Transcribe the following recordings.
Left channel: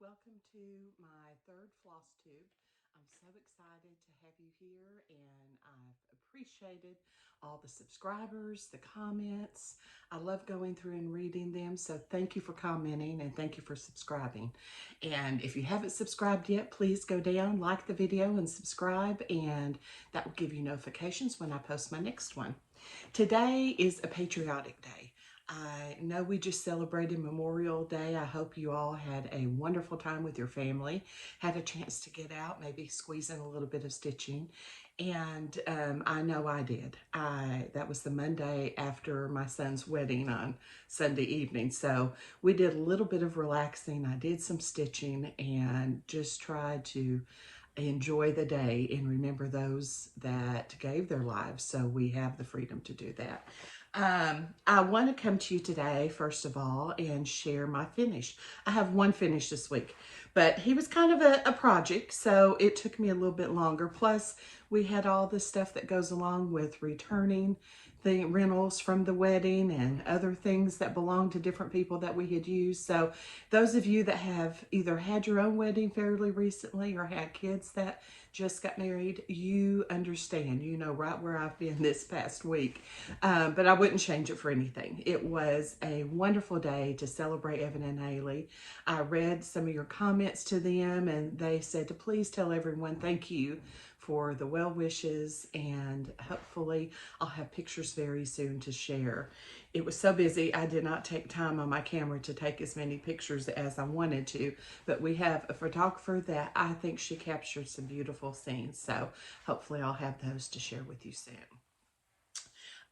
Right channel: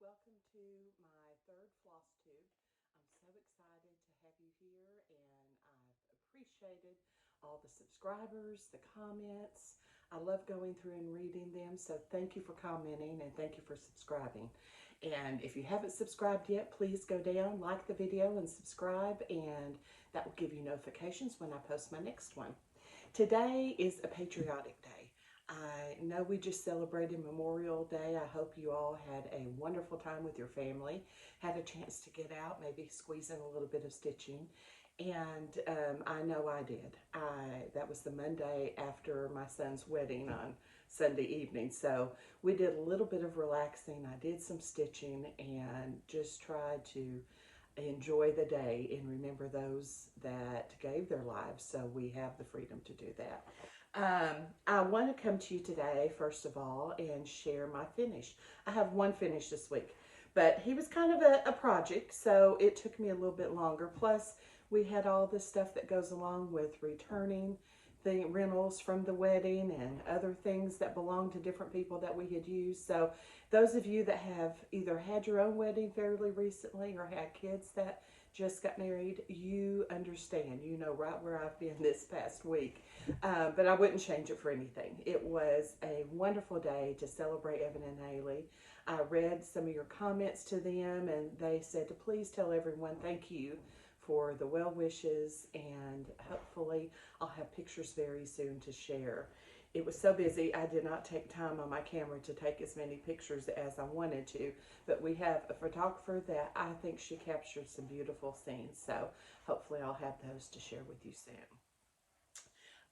welcome to my third floss tube. I'm so excited to have you here, and I've appreciated all the subscribers, the comments. I love going through and reading them, so thank you for commenting and thank you for subscribing. And if you haven't subscribed yet, please go down, like the video and subscribe, and that will give you notifications when I post my next one. Today is a patriotic day. I know we just celebrated Memorial Day. I hope you all had a wonderful time with your family, had a chance to get out, maybe squeeze in a little bit of stitching. And I know I did. That was the Monday after my son's wedding on Sunday evening. So we did a little bit of relaxing. I did some stitching and just tried to enjoy the day and remember those that gave their lives, so we have the freedom to do that. I want to come to you today, first of all, and share my finish. I have one finish this week, but he was kind of a project, so it took me a little bit longer. Plus, we had all the stuff that goes along with returning the rentals from the wedding and other things that belong to different people that we had used. So those of you that have either had your own wedding fairly recently or had kids that just got married, you understand, you know right where I've been this past week. But I wouldn't change it for anything. It was a wonderful day to celebrate Evan and Haley. I read some of your comments to them, and they said to please tell everyone thank you for the well wishes, and hopefully I'll have pictures very soon to share. It was so busy I did not take time on my camera to take as many pictures as I wanted to, but we have a photographer that I think she captured some beautiful scenes, so hopefully I'll have those to share with you soon.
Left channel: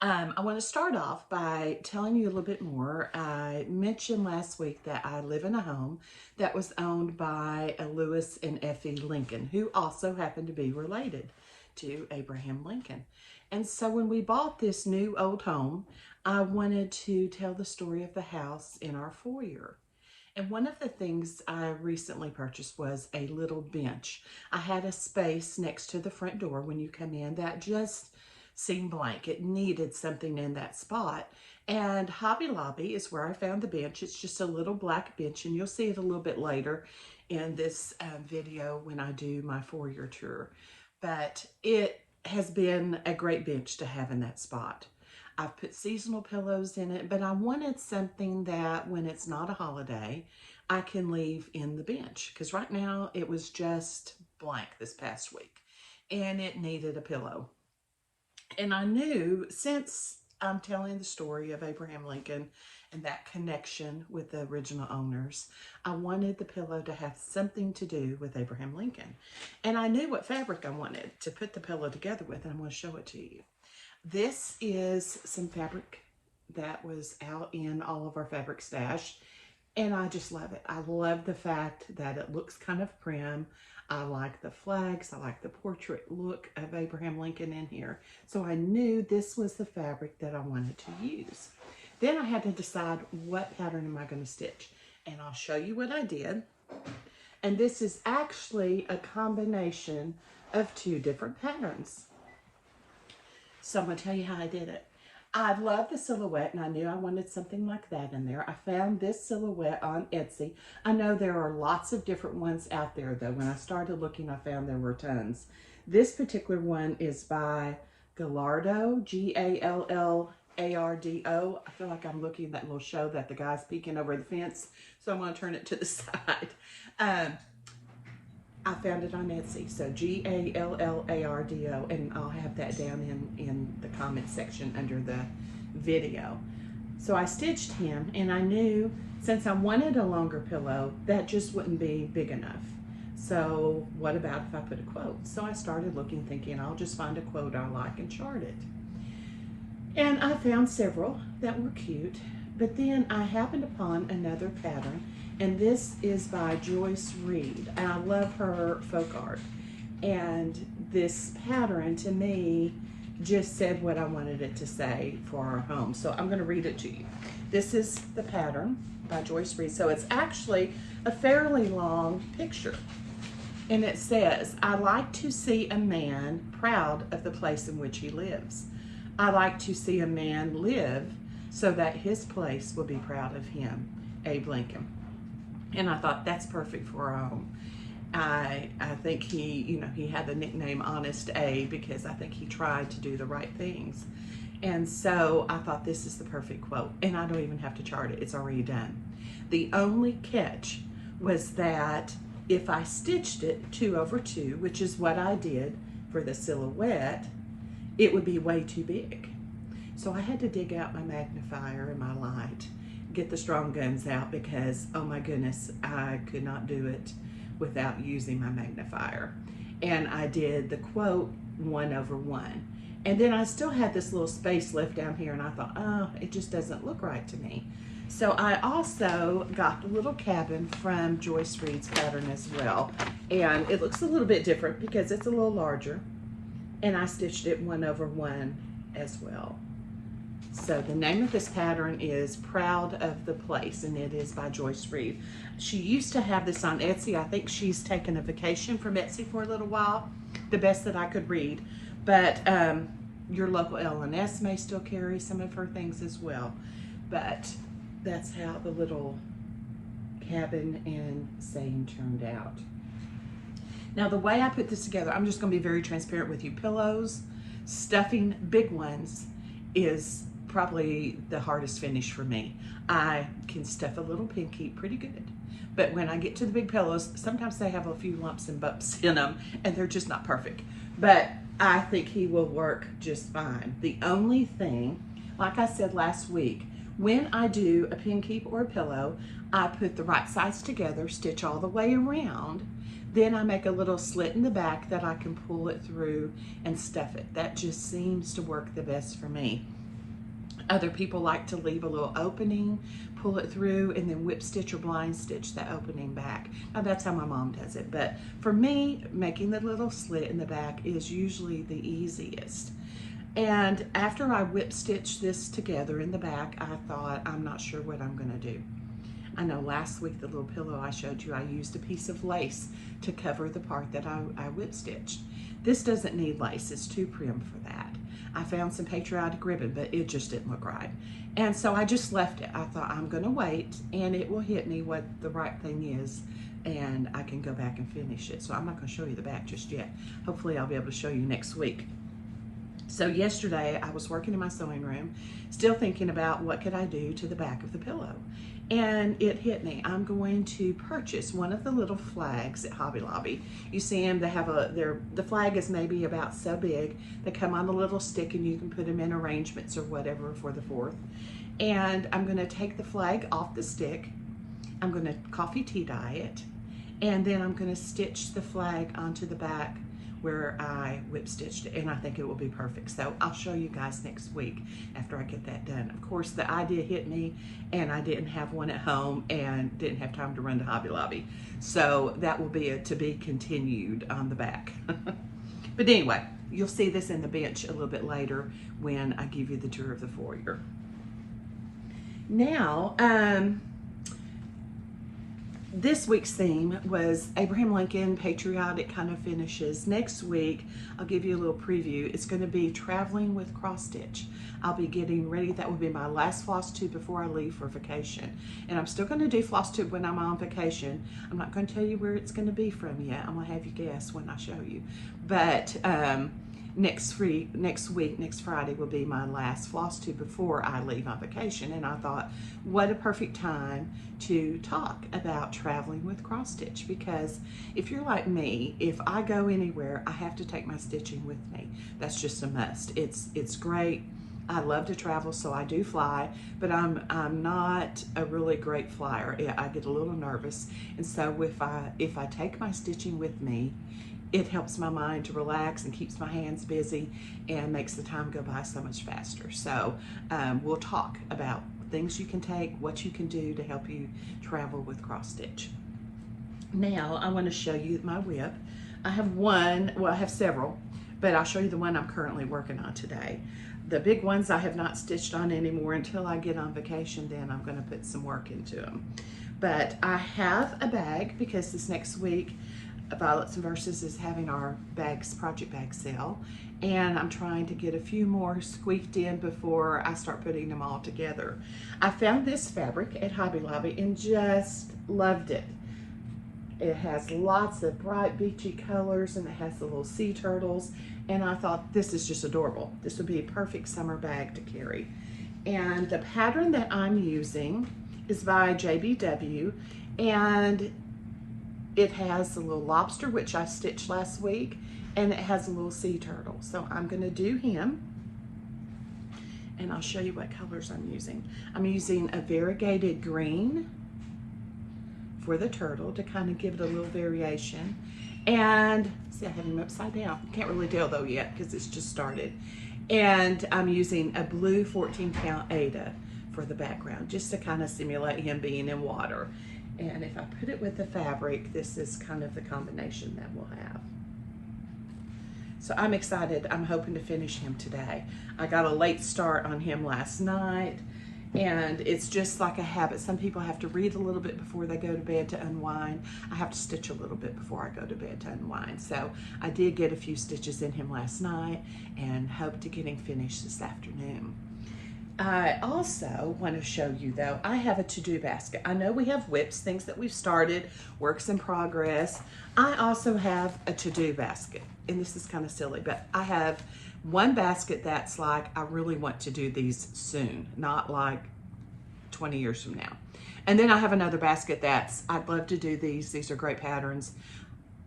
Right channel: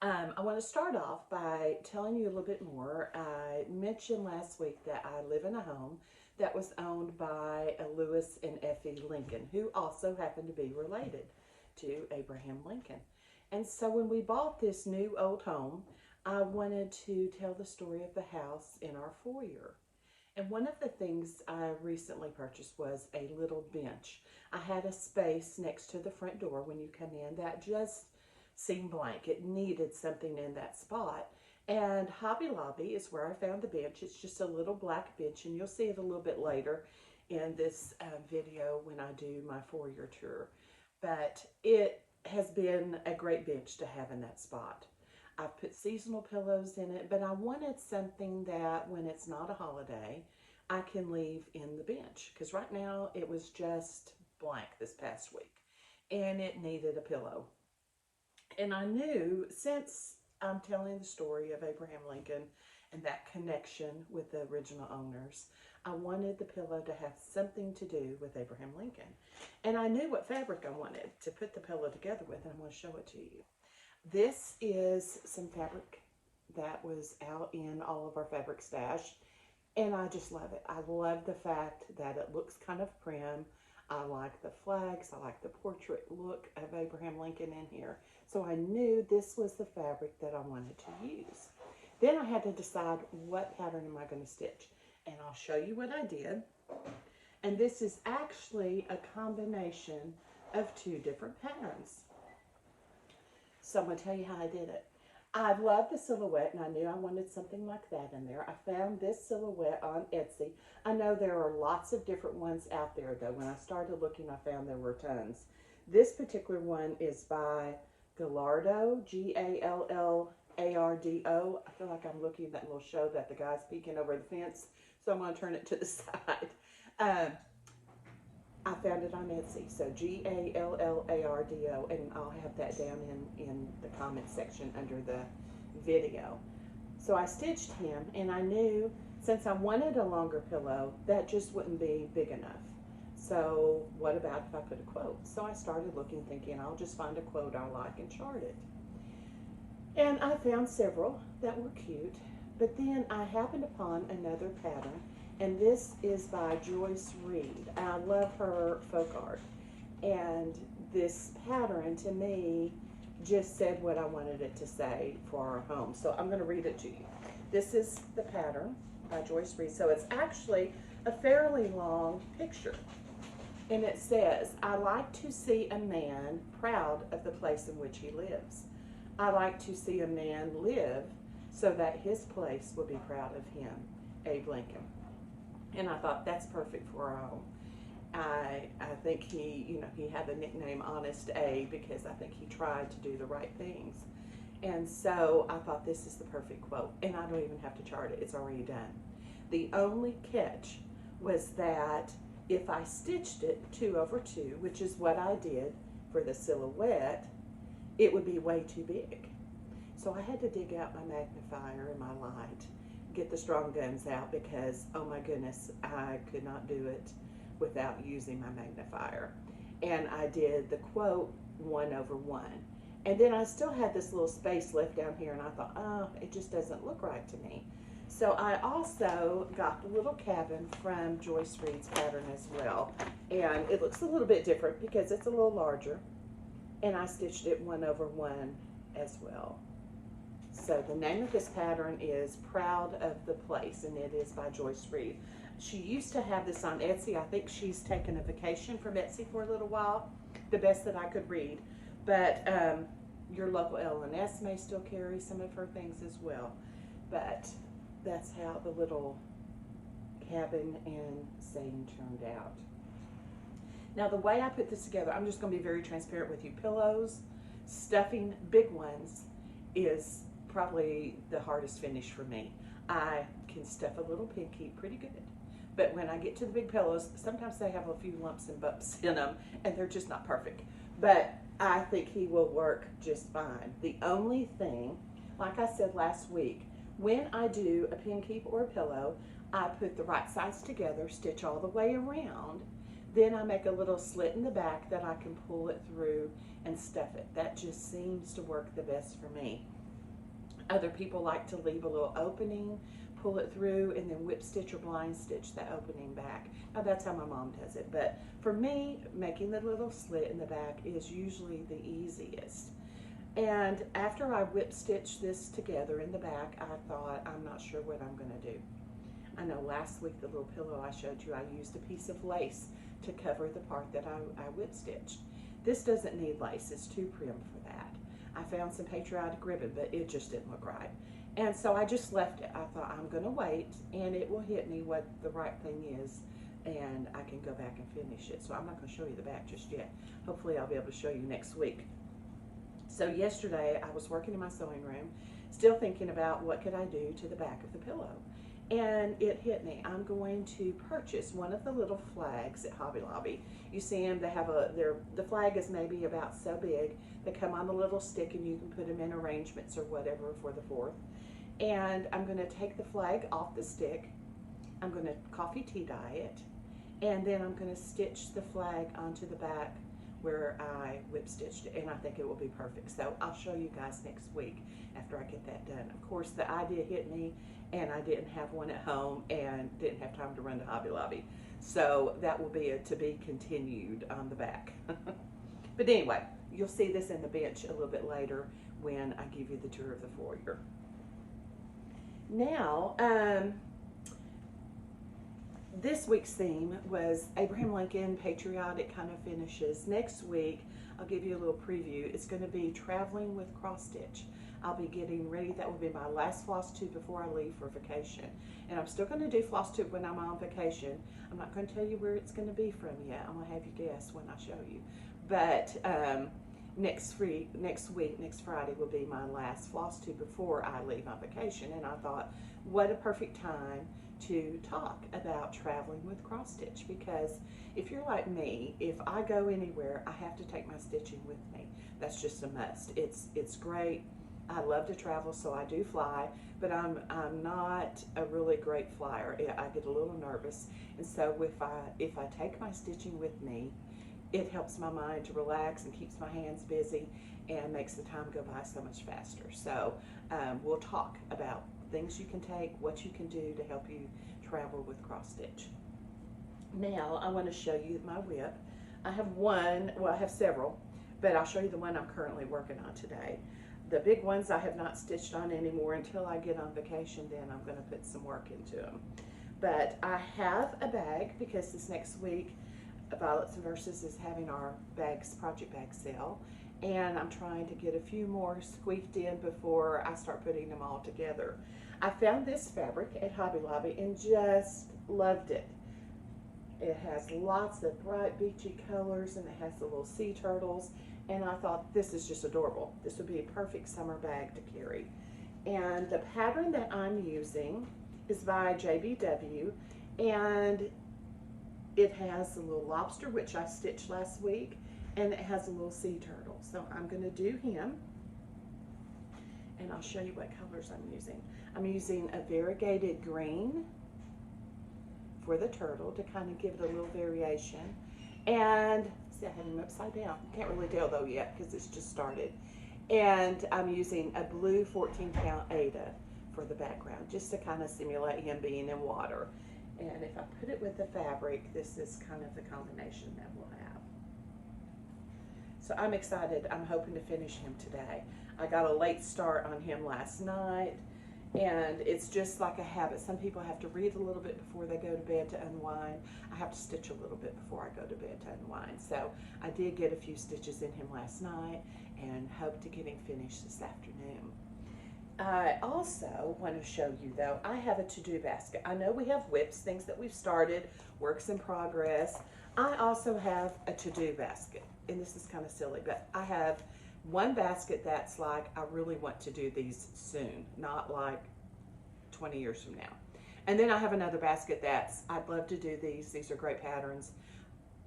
I want to start off by telling you a little bit more. I mentioned last week that I live in a home that was owned by a Lewis and Effie Lincoln, who also happened to be related to Abraham Lincoln. And so when we bought this new old home, I wanted to tell the story of the house in our foyer. And one of the things I recently purchased was a little bench. I had a space next to the front door when you come in that just seemed blank. It needed something in that spot. And Hobby Lobby is where I found the bench. It's just a little black bench, and you'll see it a little bit later in this video when I do my foyer tour. But it has been a great bench to have in that spot. I've put seasonal pillows in it, but I wanted something that when it's not a holiday, I can leave in the bench, because right now it was just blank this past week and it needed a pillow. And I knew, since I'm telling the story of Abraham Lincoln and that connection with the original owners, I wanted the pillow to have something to do with Abraham Lincoln. And I knew what fabric I wanted to put the pillow together with, and I'm going to show it to you. This is some fabric that was out in all of our fabric stash, and I just love it. I love the fact that it looks kind of prim. I like the flags. I like the portrait look of Abraham Lincoln in here. So I knew this was the fabric that I wanted to use. Then I had to decide what pattern am I going to stitch, and I'll show you what I did. And this is actually a combination of two different patterns. So I'm going to tell you how I did it. I love the silhouette, and I knew I wanted something like that in there. I found this silhouette on Etsy. I know there are lots of different ones out there, though. When I started looking, I found there were tons. This particular one is by Gallardo, Gallardo. I feel like I'm looking at that little show that the guy's peeking over the fence, so I'm going to turn it to the side. I found it on Etsy, so Gallardo, and I'll have that down in the comment section under the video. So I stitched him, and I knew since I wanted a longer pillow, that just wouldn't be big enough. So what about if I put a quote? So I started looking, thinking I'll just find a quote I like and chart it. And I found several that were cute, but then I happened upon another pattern, and this is by Joyce Reed. And I love her folk art. And this pattern, to me, just said what I wanted it to say for our home. So I'm going to read it to you. This is the pattern by Joyce Reed. So it's actually a fairly long picture. And it says, I like to see a man proud of the place in which he lives. I like to see a man live so that his place will be proud of him. Abe Lincoln. And I thought that's perfect for our home. I think he had the nickname Honest A because I think he tried to do the right things. And so I thought this is the perfect quote. And I don't even have to chart it, it's already done. The only catch was that if I stitched it 2/2, which is what I did for the silhouette, it would be way too big. So I had to dig out my magnifier and my light, get the strong guns out because, oh my goodness, I could not do it without using my magnifier. And I did the quote 1/1. And then I still had this little space left down here and I thought, oh, it just doesn't look right to me. So I also got the little cabin from Joyce Reed's pattern as well. And it looks a little bit different because it's a little larger. And I stitched it 1/1 as well. So the name of this pattern is Proud of the Place, and it is by Joyce Reed. She used to have this on Etsy. I think she's taken a vacation from Etsy for a little while, the best that I could read. But your local L&S may still carry some of her things as well. But that's how the little cabin and saying turned out. Now the way I put this together, I'm just going to be very transparent with you. Pillows, stuffing big ones is probably the hardest finish for me. I can stuff a little pinky pretty good, but when I get to the big pillows, sometimes they have a few lumps and bumps in them and they're just not perfect. But I think he will work just fine. The only thing, like I said last week, when I do a pin keep or a pillow, I put the right sides together, stitch all the way around, then I make a little slit in the back that I can pull it through and stuff it. That just seems to work the best for me. Other people like to leave a little opening, pull it through, and then whip stitch or blind stitch the opening back. Now that's how my mom does it, but for me, making the little slit in the back is usually the easiest. And after I whip stitched this together in the back, I thought, I'm not sure what I'm gonna do. I know last week, the little pillow I showed you, I used a piece of lace to cover the part that I whip stitched. This doesn't need lace, it's too prim for that. I found some patriotic ribbon, but it just didn't look right. And so I just left it. I thought I'm gonna wait and it will hit me what the right thing is and I can go back and finish it. So I'm not gonna show you the back just yet. Hopefully I'll be able to show you next week. So yesterday I was working in my sewing room, still thinking about what could I do to the back of the pillow. And it hit me. I'm going to purchase one of the little flags at Hobby Lobby. You see them, they have the flag is maybe about so big. They come on a little stick and you can put them in arrangements or whatever for the 4th. And I'm gonna take the flag off the stick. I'm gonna coffee tea dye it. And then I'm gonna stitch the flag onto the back where I whip stitched it, and I think it will be perfect. So I'll show you guys next week after I get that done. Of course, the idea hit me and I didn't have one at home and didn't have time to run to Hobby Lobby. So that will be a to be continued on the back. But anyway, you'll see this in the bench a little bit later when I give you the tour of the foyer. Now, this week's theme was Abraham Lincoln, patriotic kind of finishes. Next week, I'll give you a little preview. It's going to be traveling with cross stitch. I'll be getting ready. That will be my last floss tube before I leave for vacation. And I'm still going to do floss tube when I'm on vacation. I'm not going to tell you where it's going to be from yet. I'm going to have you guess when I show you. But next Friday will be my last floss tube before I leave on vacation. And I thought, what a perfect time to talk about traveling with cross stitch, because if you're like me, if I go anywhere, I have to take my stitching with me. That's just a must. It's great. I love to travel, so I do fly, but I'm not a really great flyer. I get a little nervous, and so if I take my stitching with me, it helps my mind to relax and keeps my hands busy and makes the time go by so much faster. So we'll talk about things you can take, what you can do to help you travel with cross stitch. Now I want to show you my WIP. I have one, well I have several, but I'll show you the one I'm currently working on today. The big ones I have not stitched on anymore until I get on vacation, then I'm going to put some work into them. But I have a bag because this next week Violets and Verses is having our project bag sale, and I'm trying to get a few more squeaked in before I start putting them all together. I found this fabric at Hobby Lobby and just loved it. It has lots of bright beachy colors and it has the little sea turtles, and I thought this is just adorable. This would be a perfect summer bag to carry. And the pattern that I'm using is by JBW, and it has a little lobster, which I stitched last week, and it has a little sea turtle. So I'm gonna do him, and I'll show you what colors I'm using. I'm using a variegated green for the turtle to kind of give it a little variation. And see, I have him upside down. Can't really tell though yet because it's just started. And I'm using a blue 14-count Ada for the background, just to kind of simulate him being in water. And if I put it with the fabric, this is kind of the combination that we'll have. So I'm excited. I'm hoping to finish him today. I got a late start on him last night, and it's just like a habit. Some people have to read a little bit before they go to bed to unwind. I have to stitch a little bit before I go to bed to unwind. So I did get a few stitches in him last night and hope to get him finished this afternoon. I also want to show you though, I have a to-do basket. I know we have WIPS, things that we've started, works in progress. I also have a to-do basket, and this is kind of silly, but I have one basket that's like, I really want to do these soon, not like 20 years from now. And then I have another basket that's, I'd love to do these are great patterns.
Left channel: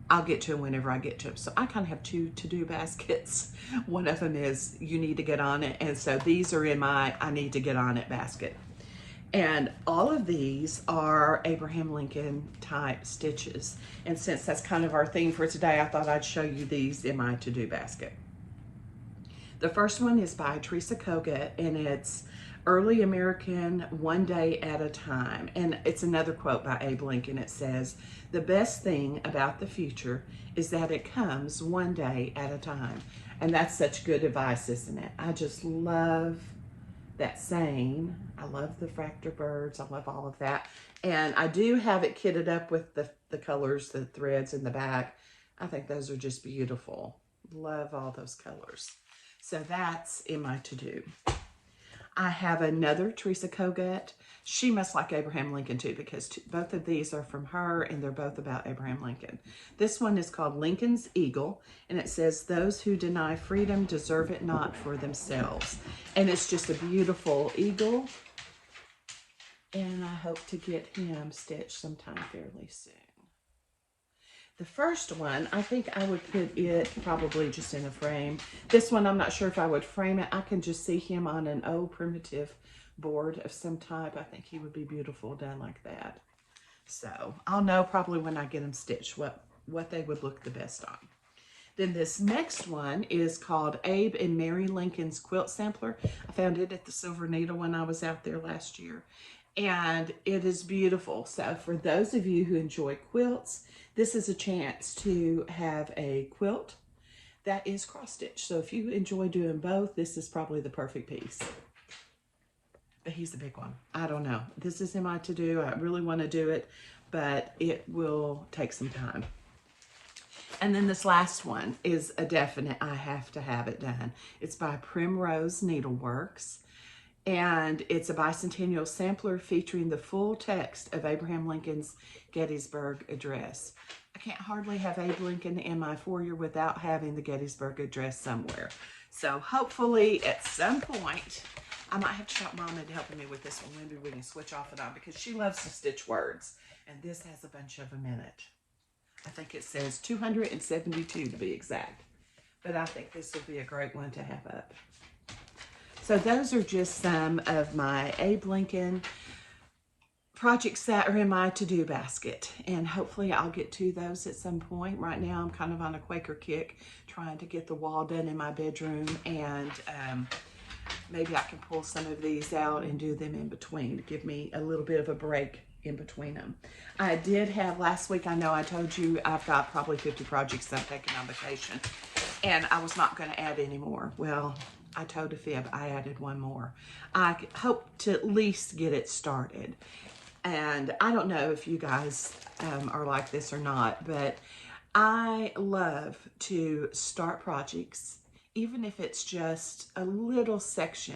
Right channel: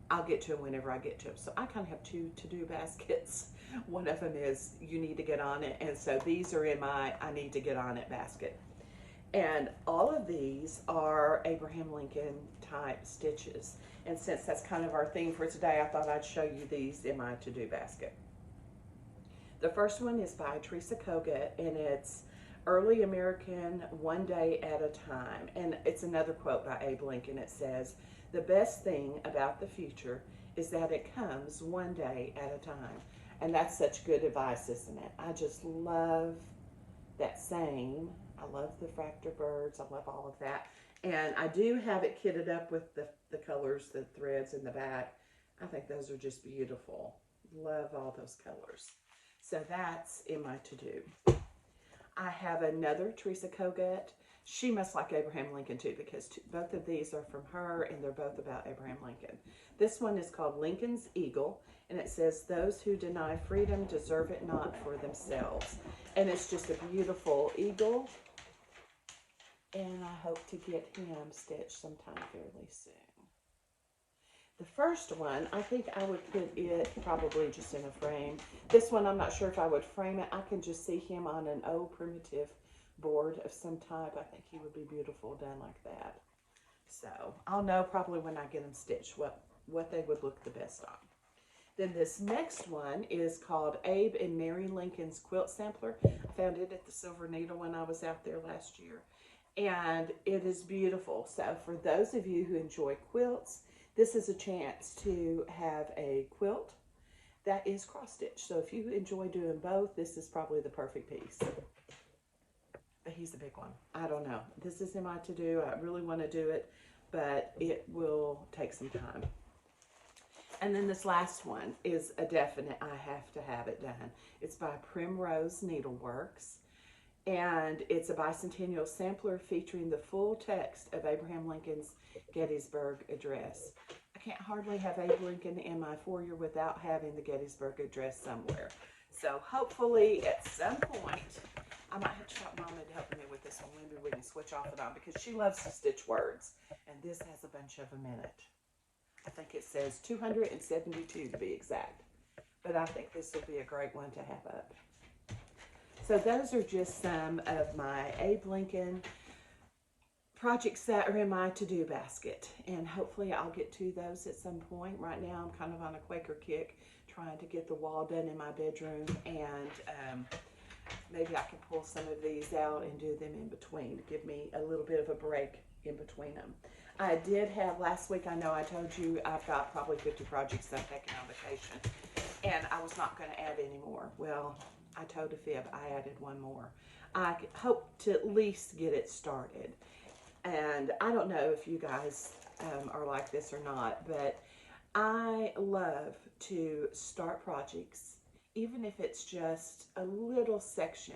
I'll get to them whenever I get to them. So I kind of have two to-do baskets. One of them is you need to get on it. And so these are in my I need to get on it basket. And all of these are Abraham Lincoln type stitches. And since that's kind of our theme for today, I thought I'd show you these in my to-do basket. The first one is by Teresa Kogut, and it's Early American, One Day at a Time. And it's another quote by Abe Lincoln. It says, "The best thing about the future is that it comes one day at a time." And that's such good advice, isn't it? I just love that saying. I love the fractal birds. I love all of that. And I do have it kitted up with the colors, the threads in the back. I think those are just beautiful. Love all those colors. So that's in my to-do. I have another Teresa Kogut. She must like Abraham Lincoln too, because both of these are from her and they're both about Abraham Lincoln. This one is called Lincoln's Eagle, and it says, "Those who deny freedom deserve it not for themselves." And it's just a beautiful eagle. And I hope to get him stitched sometime fairly soon. The first one, I think I would put it probably just in a frame. This one, I'm not sure if I would frame it. I can just see him on an old primitive board of some type. I think he would be beautiful done like that. So I'll know probably when I get them stitched what they would look the best on. Then this next one is called Abe and Mary Lincoln's Quilt Sampler. I found it at the Silver Needle when I was out there last year. And it is beautiful. So for those of you who enjoy quilts, this is a chance to have a quilt that is cross-stitch. So if you enjoy doing both, this is probably the perfect piece. But he's the big one. I don't know. This is in my to-do. I really want to do it, but it will take some time. And then this last one is a definite, I have to have it done. It's by Primrose Needleworks. And it's a bicentennial sampler featuring the full text of Abraham Lincoln's Gettysburg Address. I can't hardly have Abe Lincoln in my foyer without having the Gettysburg Address somewhere. So hopefully at some point, I might have to shout Mama to help me with this one. Maybe we can switch off and on because she loves to stitch words. And this has a bunch of them in it. I think it says 272 to be exact. But I think this will be a great one to have up. So those are just some of my Abe Lincoln projects that are in my to-do basket. And hopefully I'll get to those at some point. Right now I'm kind of on a Quaker kick trying to get the wall done in my bedroom. And maybe I can pull some of these out and do them in between to give me a little bit of a break in between them. I did have last week, I know I told you I've got probably 50 projects that I'm taking on vacation. And I was not going to add any more. Well, I told a fib, I added one more. I hope to at least get it started. And I don't know if you guys are like this or not, but I love to start projects even if it's just a little section,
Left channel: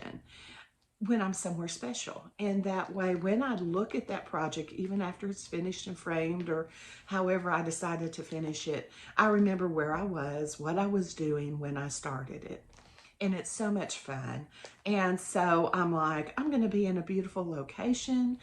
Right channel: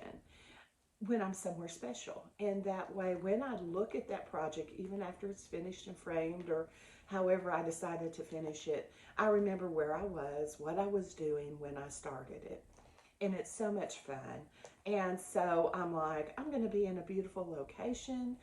when I'm somewhere special. And that way, when I look at that project, even after it's finished and framed, or however I decided to finish it, I remember where I was, what I was doing when I started it. And it's so much fun. And so I'm like, I'm going to be in a beautiful location.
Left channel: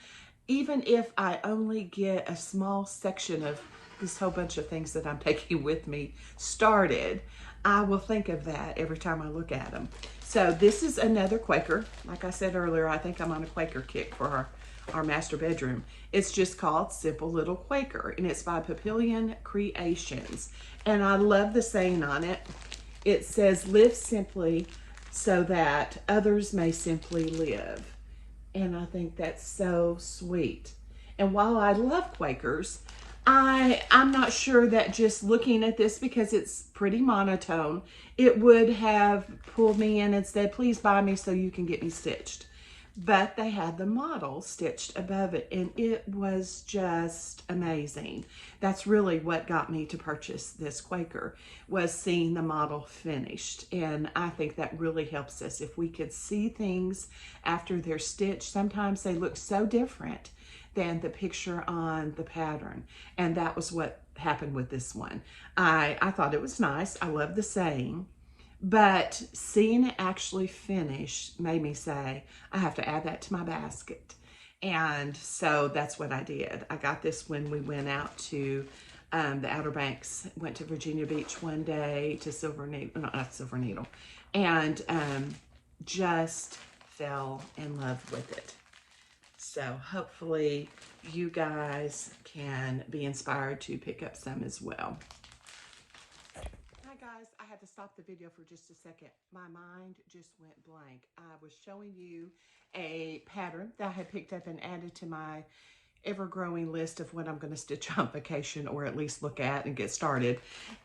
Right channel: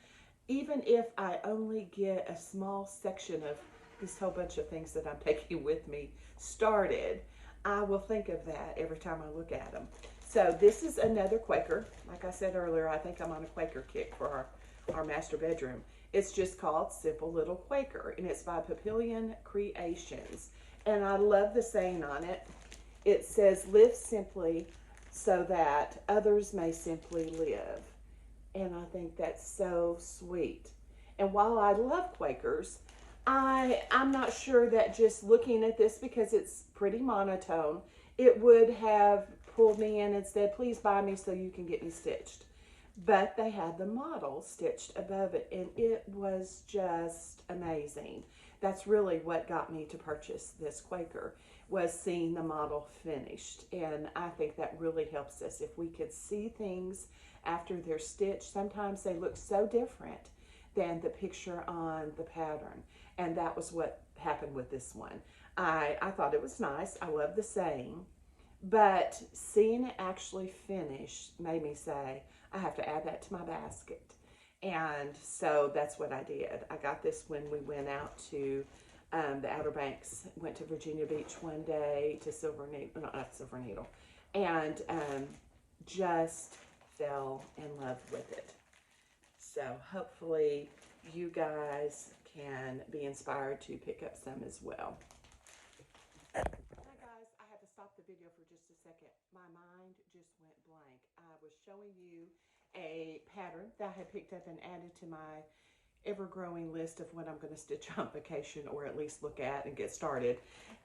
Even if I only get a small section of this whole bunch of things that I'm taking with me started, I will think of that every time I look at them. So this is another Quaker. Like I said earlier, I think I'm on a Quaker kick for our master bedroom. It's just called Simple Little Quaker, and it's by Papillion Creations. And I love the saying on it. It says, live simply so that others may simply live. And I think that's so sweet. And while I love Quakers, I'm not sure that just looking at this, because it's pretty monotone, it would have pulled me in and said, please buy me so you can get me stitched. But they had the model stitched above it, and it was just amazing. That's really what got me to purchase this Quaker, was seeing the model finished. And I think that really helps us. If we could see things after they're stitched, sometimes they look so different than the picture on the pattern. And that was what happened with this one. I thought it was nice. I love the saying. But seeing it actually finish made me say, I have to add that to my basket. And so that's what I did. I got this when we went out to the Outer Banks, went to Virginia Beach one day to Silver Needle, no, not Silver Needle, and just fell in love with it. So hopefully you guys can be inspired to pick up some as well. Hi guys, I had to stop the video for just a second. My mind just went blank. I was showing you a pattern that I had picked up and added to my ever-growing list of what I'm going to stitch on vacation, or at least look at and get started.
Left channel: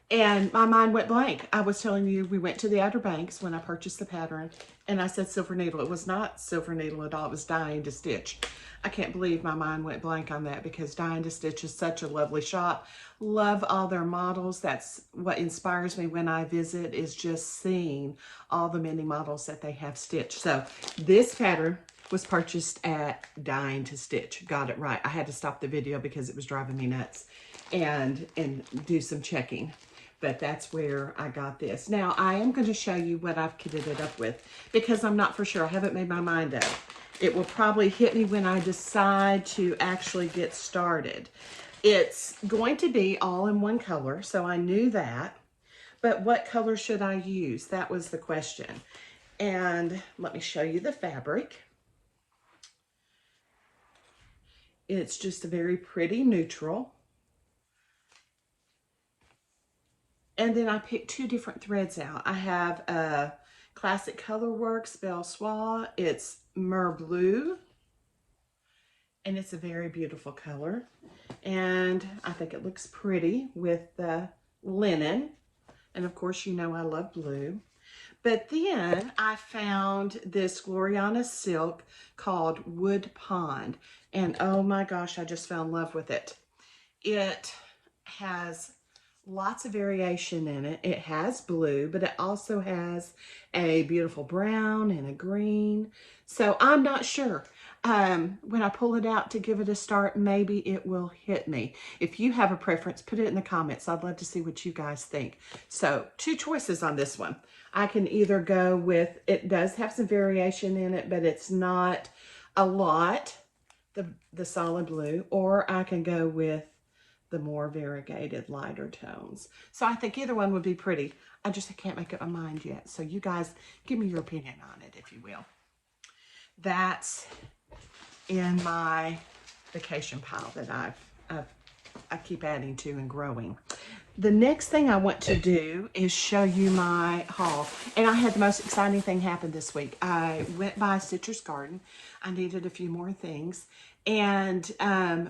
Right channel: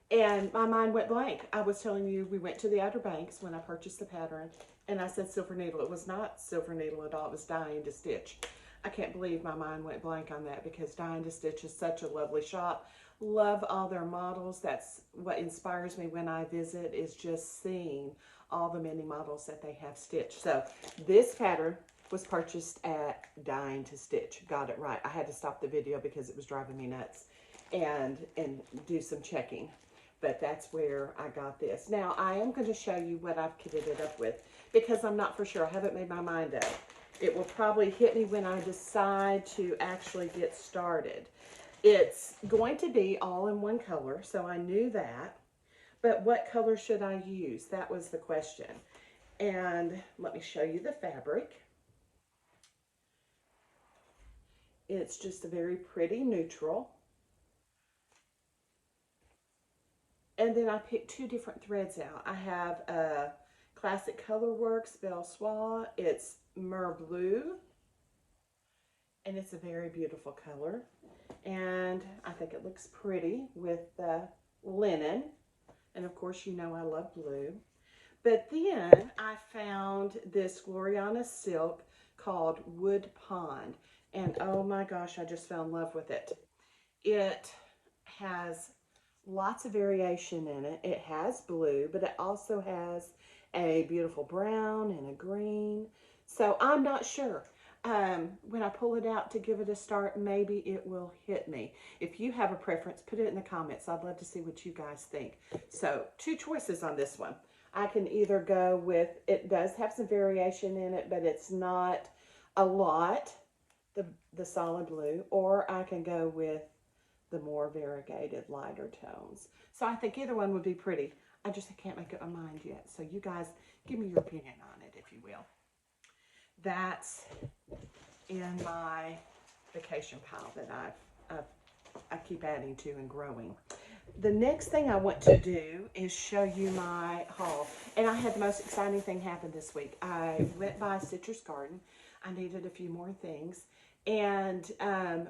And my mind went blank. I was telling you, we went to the Outer Banks when I purchased the pattern, and I said Silver Needle. It was not Silver Needle at all. It was Dying to Stitch. I can't believe my mind went blank on that, because Dying to Stitch is such a lovely shop. Love all their models. That's what inspires me when I visit, is just seeing all the many models that they have stitched. So this pattern was purchased at Dying to Stitch. Got it right. I had to stop the video because it was driving me nuts and do some checking. But that's where I got this. Now, I am going to show you what I've kitted it up with, because I'm not for sure. I haven't made my mind up. It will probably hit me when I decide to actually get started. It's going to be all in one color, so I knew that. But what color should I use? That was the question. And let me show you the fabric. It's just a very pretty neutral. And then I picked two different threads out. I have a Classic Colorworks Belle Soie. It's Mer Blue. And it's a very beautiful color. And I think it looks pretty with the linen. And of course, you know I love blue. But then I found this Gloriana silk called Wood Pond. And oh my gosh, I just fell in love with it. It has lots of variation in it. It has blue, but it also has a beautiful brown and a green. So I'm not sure. When I pull it out to give it a start, maybe it will hit me. If you have a preference, put it in the comments. I'd love to see what you guys think. So two choices on this one. I can either go with, it does have some variation in it, but it's not a lot, the solid blue, or I can go with the more variegated lighter tones. So I think either one would be pretty. I just can't make up my mind yet. So you guys give me your opinion on it, if you will. That's in my vacation pile that I keep adding to and growing. The next thing I want to do is show you my haul. And I had the most exciting thing happen this week. I went by Citrus Garden. I needed a few more things. and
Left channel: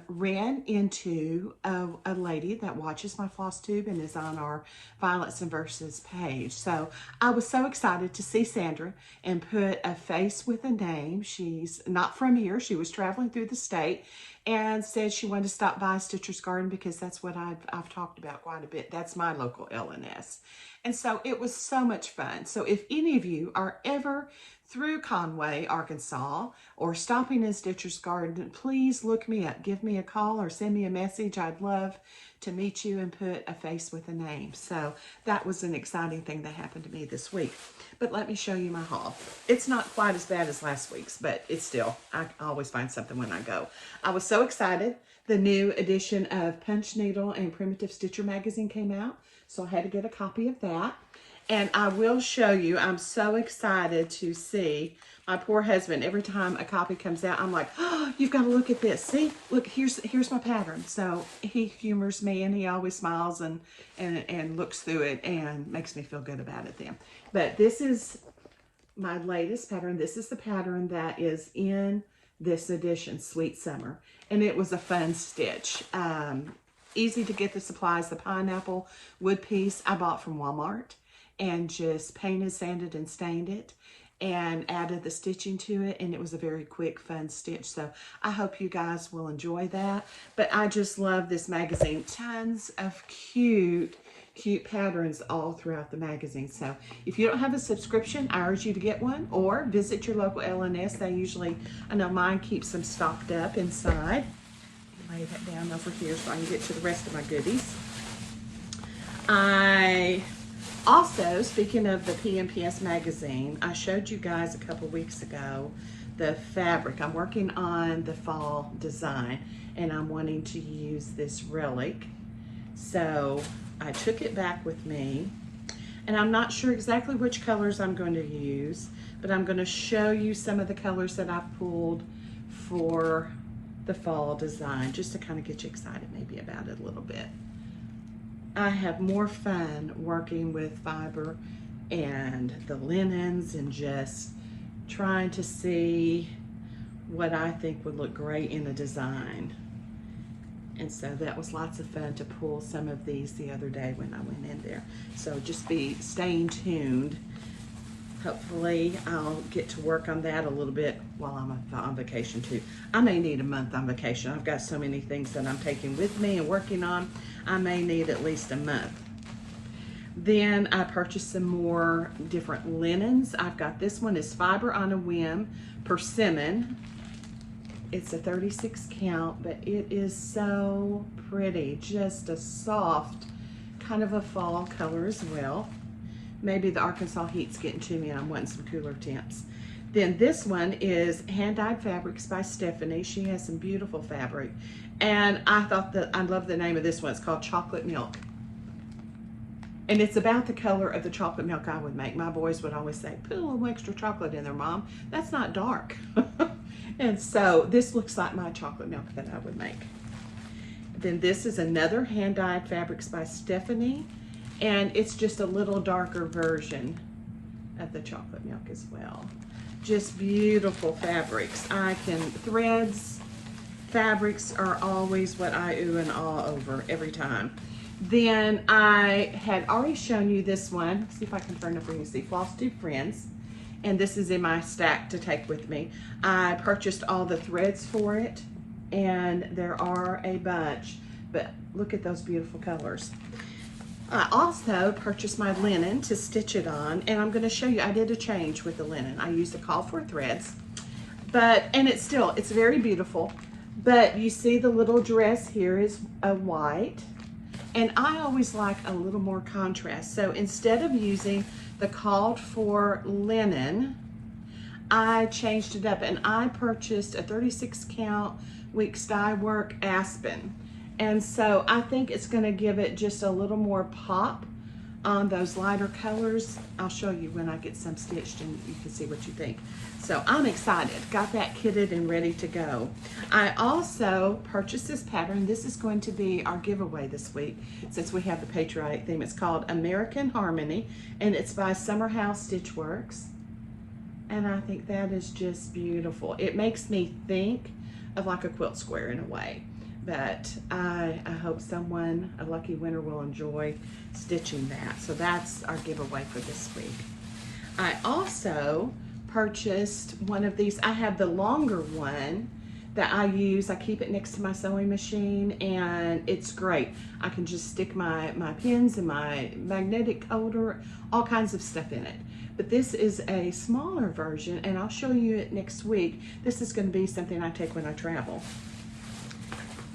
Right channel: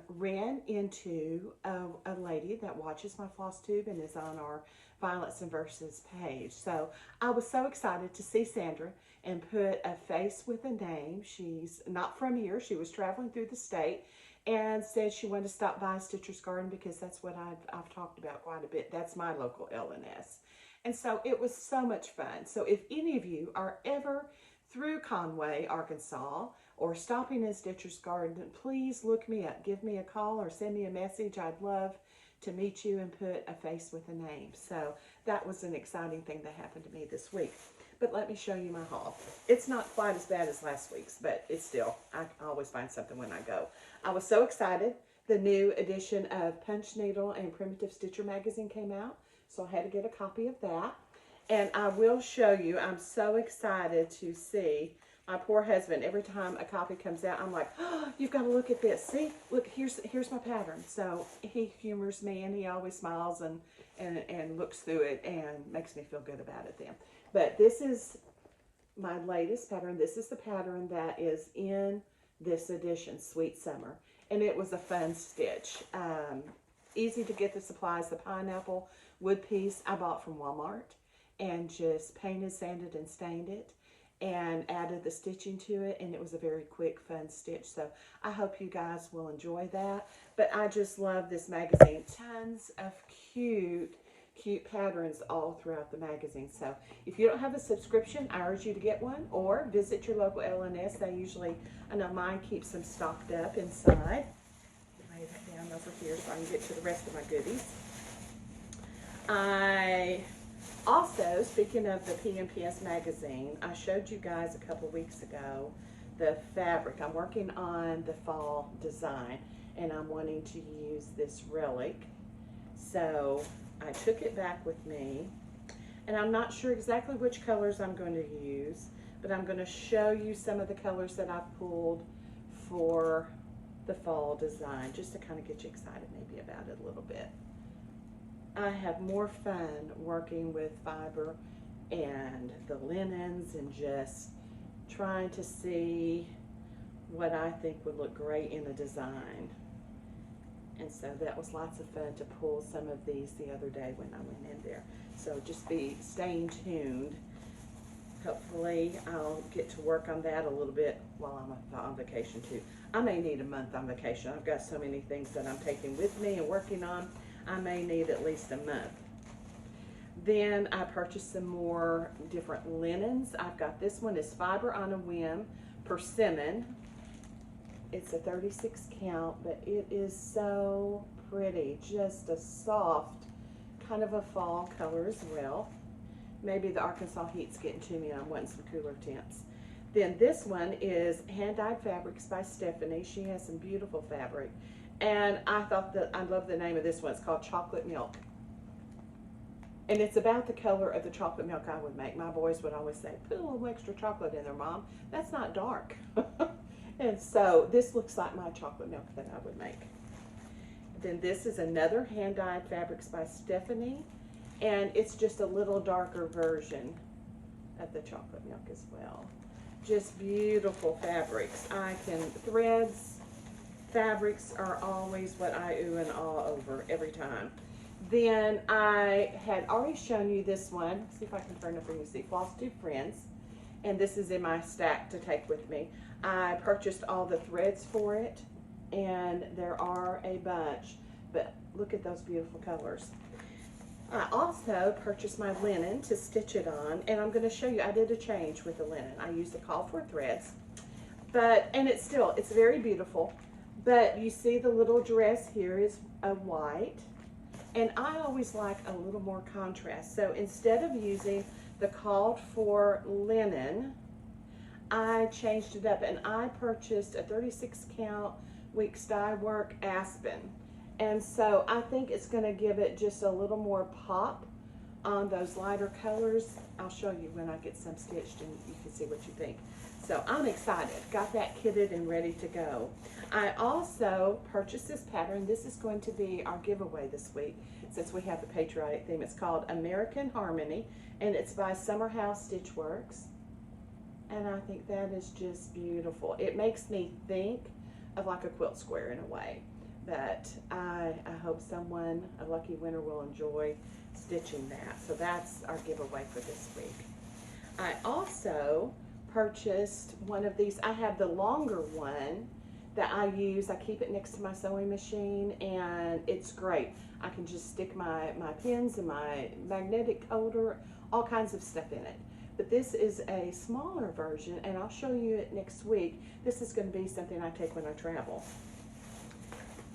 ran into a lady that watches my floss tube and is on our Violets and Verses page. So I was so excited to see Sandra and put a face with a name. She's not from here. She was traveling through the state and said she wanted to stop by Stitcher's Garden because that's what I've talked about quite a bit. That's my local LNS. And so it was so much fun. So if any of you are ever through Conway, Arkansas, or stopping in Stitcher's Garden, please look me up. Give me a call or send me a message. I'd love to meet you and put a face with a name. So that was an exciting thing that happened to me this week. But let me show you my haul. It's not quite as bad as last week's, but it's still, I always find something when I go. I was so excited. The new edition of Punch Needle and Primitive Stitcher magazine came out, so I had to get a copy of that. And I will show you, I'm so excited to see my poor husband. Every time a copy comes out, I'm like, oh, you've got to look at this. See, look, here's my pattern. So he humors me and he always smiles and looks through it and makes me feel good about it then. But this is my latest pattern. This is the pattern that is in this edition, Sweet Summer. And it was a fun stitch. Easy to get the supplies. The pineapple wood piece I bought from Walmart and just painted, sanded, and stained it and added the stitching to it, and it was a very quick, fun stitch. So I hope you guys will enjoy that. But I just love this magazine. Tons of cute patterns all throughout the magazine. So if you don't have a subscription, I urge you to get one or visit your local LNS. They usually, I know mine keeps them stocked up inside. Lay that down over here so I can get to the rest of my goodies. Also, speaking of the PMPS magazine, I showed you guys a couple weeks ago the fabric. I'm working on the fall design and I'm wanting to use this relic. So I took it back with me and I'm not sure exactly which colors I'm going to use, but I'm going to show you some of the colors that I've pulled for the fall design just to kind of get you excited maybe about it a little bit. I have more fun working with fiber and the linens and just trying to see what I think would look great in a design. And so that was lots of fun to pull some of these the other day when I went in there. So just be staying tuned. Hopefully I'll get to work on that a little bit while I'm on vacation too. I may need a month on vacation. I've got so many things that I'm taking with me and working on. I may need at least a month. Then I purchased some more different linens. I've got this one is Fiber on a Whim Persimmon. It's a 36 count, but it is so pretty. Just a soft kind of a fall color as well. Maybe the Arkansas heat's getting to me and I'm wanting some cooler temps. Then this one is Hand-Dyed Fabrics by Stephanie. She has some beautiful fabric. And I thought that, I love the name of this one. It's called Chocolate Milk. And it's about the color of the chocolate milk I would make. My boys would always say, put a little extra chocolate in there, Mom. That's not dark. And so this looks like my chocolate milk that I would make. Then this is another Hand-Dyed Fabrics by Stephanie. And it's just a little darker version of the chocolate milk as well. Just beautiful fabrics. Threads, fabrics are always what I ooh and ah over every time. Then I had already shown you this one. Let's see if I can turn it for you to see. Floss Tube Friends. And this is in my stack to take with me. I purchased all the threads for it, and there are a bunch, but look at those beautiful colors. I also purchased my linen to stitch it on, and I'm going to show you, I did a change with the linen. I used the Call for threads, and it's very beautiful, but you see the little dress here is a white, and I always like a little more contrast. So instead of using the called for linen, I changed it up and I purchased a 36 count Weeks Dye Work Aspen. And so I think it's going to give it just a little more pop on those lighter colors. I'll show you when I get some stitched and you can see what you think. So I'm excited. Got that kitted and ready to go. I also purchased this pattern. This is going to be our giveaway this week since we have the patriotic theme. It's called American Harmony and it's by Summerhouse Stitchworks. And I think that is just beautiful. It makes me think of like a quilt square in a way. But I hope someone, a lucky winner, will enjoy stitching that. So that's our giveaway for this week. I also purchased one of these. I have the longer one that I use. I keep it next to my sewing machine, and it's great. I can just stick my pins and my magnetic holder, all kinds of stuff in it. But this is a smaller version, and I'll show you it next week. This is going to be something I take when I travel.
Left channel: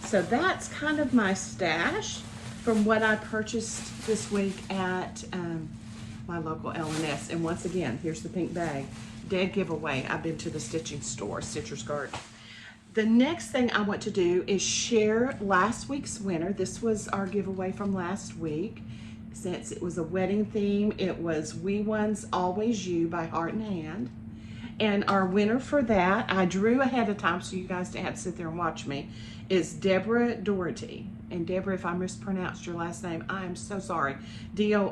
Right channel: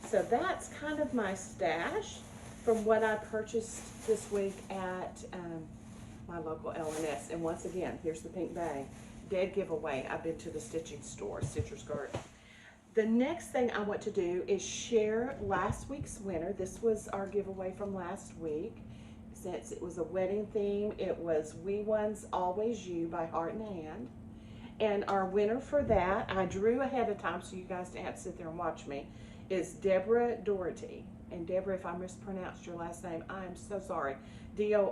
So that's kind of my stash from what I purchased this week at my local L&S. And once again, here's the pink bag. Dead giveaway. I've been to the stitching store, Stitcher's Garden. The next thing I want to do is share last week's winner. This was our giveaway from last week. Since it was a wedding theme, it was We One's Always You by Heart and Hand. And our winner for that, I drew ahead of time so you guys didn't have to sit there and watch me, is Deborah Dority. And Deborah, if I mispronounced your last name, I am so sorry. D-O-R-I-T-Y.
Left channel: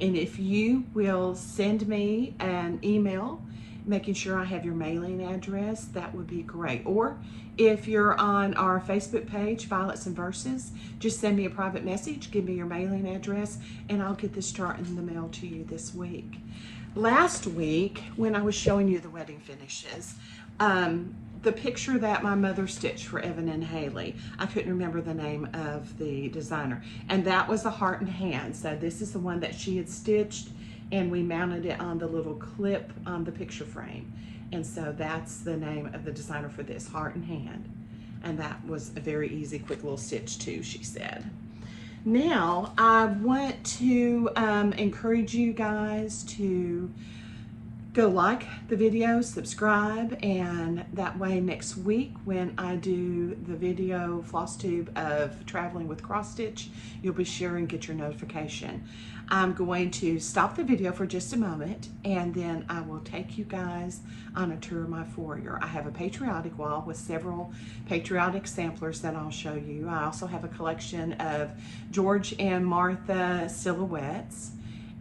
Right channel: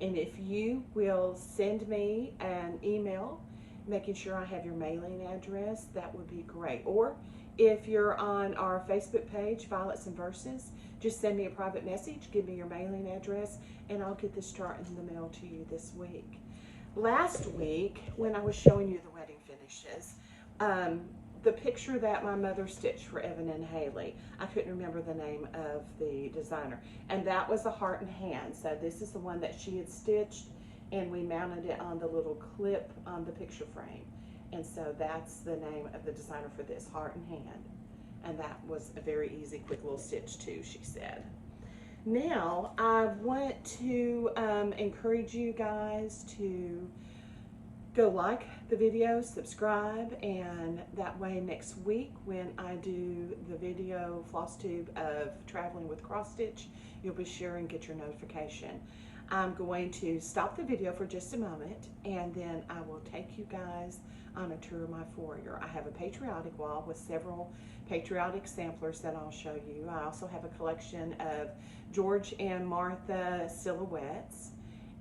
And if you will send me an email making sure I have your mailing address, that would be great. Or if you're on our Facebook page, Violets and Verses, just send me a private message, give me your mailing address, and I'll get this chart in the mail to you this week. Last week, when I was showing you the wedding finishes, the picture that my mother stitched for Evan and Haley, I couldn't remember the name of the designer, and that was a Heart and Hand. So this is the one that she had stitched, and we mounted it on the little clip on the picture frame. And so that's the name of the designer for this, Heart and Hand. And that was a very easy, quick little stitch too, she said. Now, I want to encourage you guys to go like the video, subscribe, and that way next week when I do the video floss tube of traveling with cross stitch, you'll be sure and get your notification. I'm going to stop the video for just a moment, and then I will take you guys on a tour of my foyer. I have a Patriotic Wall with several patriotic samplers that I'll show you. I also have a collection of George and Martha silhouettes.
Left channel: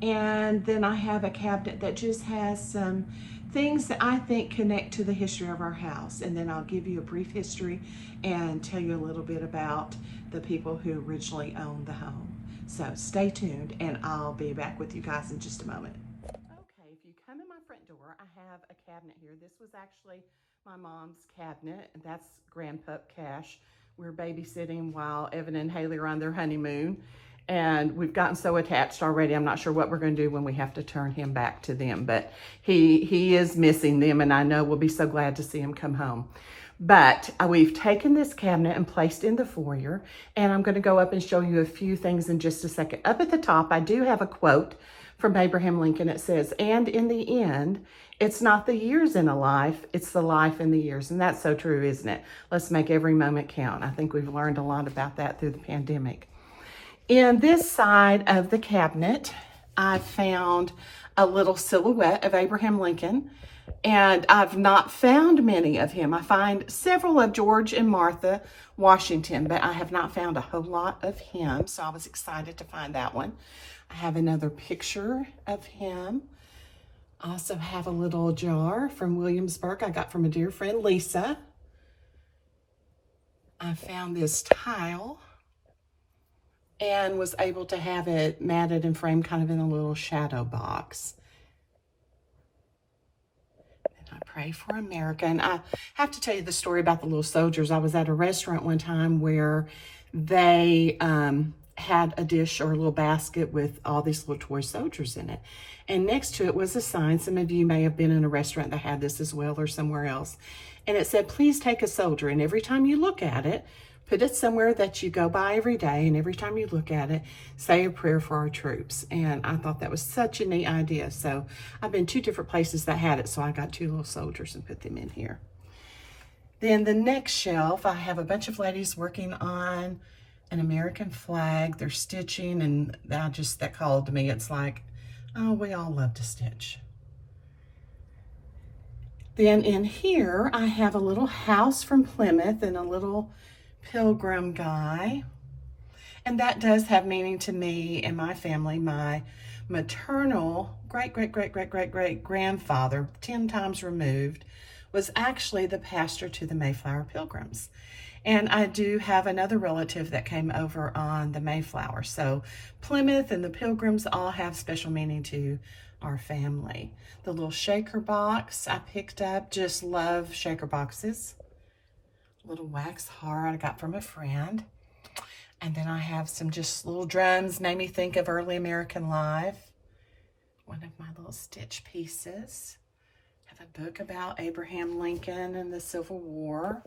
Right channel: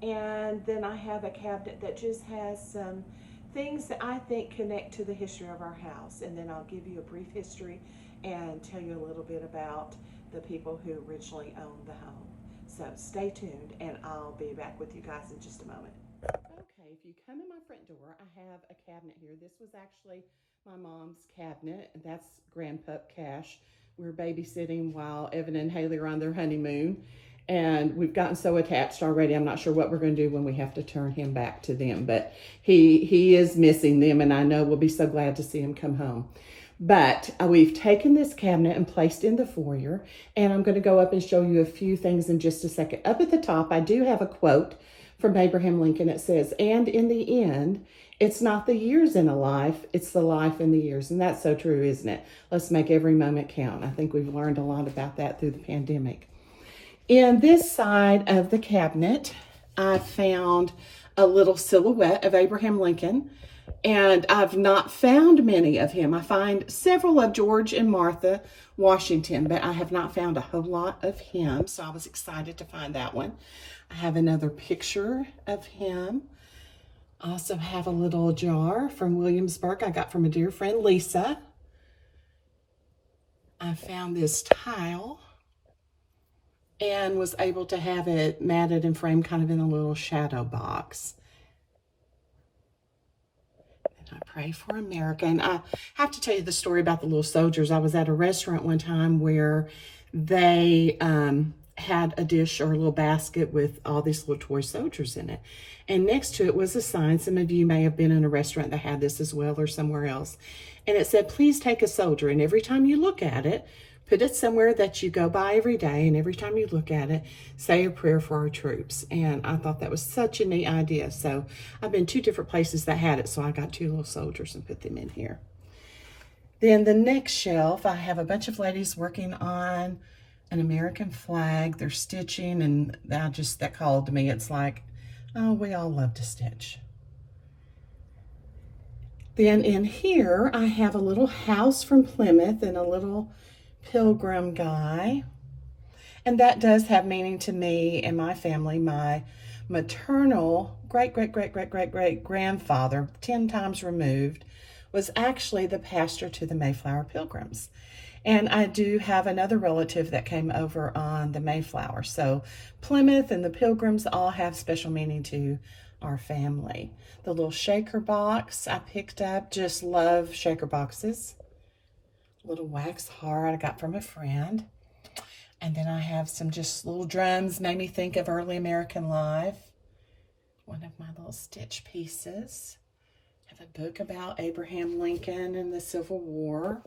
And then I have a cabinet that just has some things that I think connect to the history of our house. And then I'll give you a brief history and tell you a little bit about the people who originally owned the home. So stay tuned, and I'll be back with you guys in just a moment. Okay, if you come in my front door, I have a cabinet here. This was actually my mom's cabinet. That's Grandpup Cash. We're babysitting while Evan and Haley are on their honeymoon. And we've gotten so attached already. I'm not sure what we're going to do when we have to turn him back to them. But he is missing them, and I know we'll be so glad to see him come home. But we've taken this cabinet and placed in the foyer, and I'm going to go up and show you a few things in just a second. Up at the top, I do have a quote from Abraham Lincoln. It says, "And in the end, it's not the years in a life, it's the life in the years." And that's so true, isn't it? Let's make every moment count. I think we've learned a lot about that through the pandemic. In this side of the cabinet, I found a little silhouette of Abraham Lincoln, and I've not found many of him. I find several of George and Martha Washington, but I have not found a whole lot of him, so I was excited to find that one. I have another picture of him. I also have a little jar from Williamsburg I got from a dear friend, Lisa. I found this tile and was able to have it matted and framed kind of in a little shadow box. And I pray for America. And I have to tell you the story about the little soldiers. I was at a restaurant one time where they had a dish or a little basket with all these little toy soldiers in it. And next to it was a sign. Some of you may have been in a restaurant that had this as well, or somewhere else. And it said, "Please take a soldier." And every time you look at it, put it somewhere that you go by every day, and every time you look at it, say a prayer for our troops. And I thought that was such a neat idea. So I've been 2 different places that had it, so I got 2 little soldiers and put them in here. Then the next shelf, I have a bunch of ladies working on an American flag. They're stitching, and that called to me. It's like, oh, we all love to stitch. Then in here, I have a little house from Plymouth and a little pilgrim guy, and that does have meaning to me and my family. My maternal great grandfather, 10 times removed, was actually the pastor to the Mayflower Pilgrims. And I do have another relative that came over on the Mayflower. So Plymouth and the Pilgrims all have special meaning to our family. The little shaker box I picked up, just love shaker boxes. Little wax heart I got from a friend. And then I have some just little drums, made me think of early American life. One of my little stitch pieces. I have a book about Abraham Lincoln and the Civil War.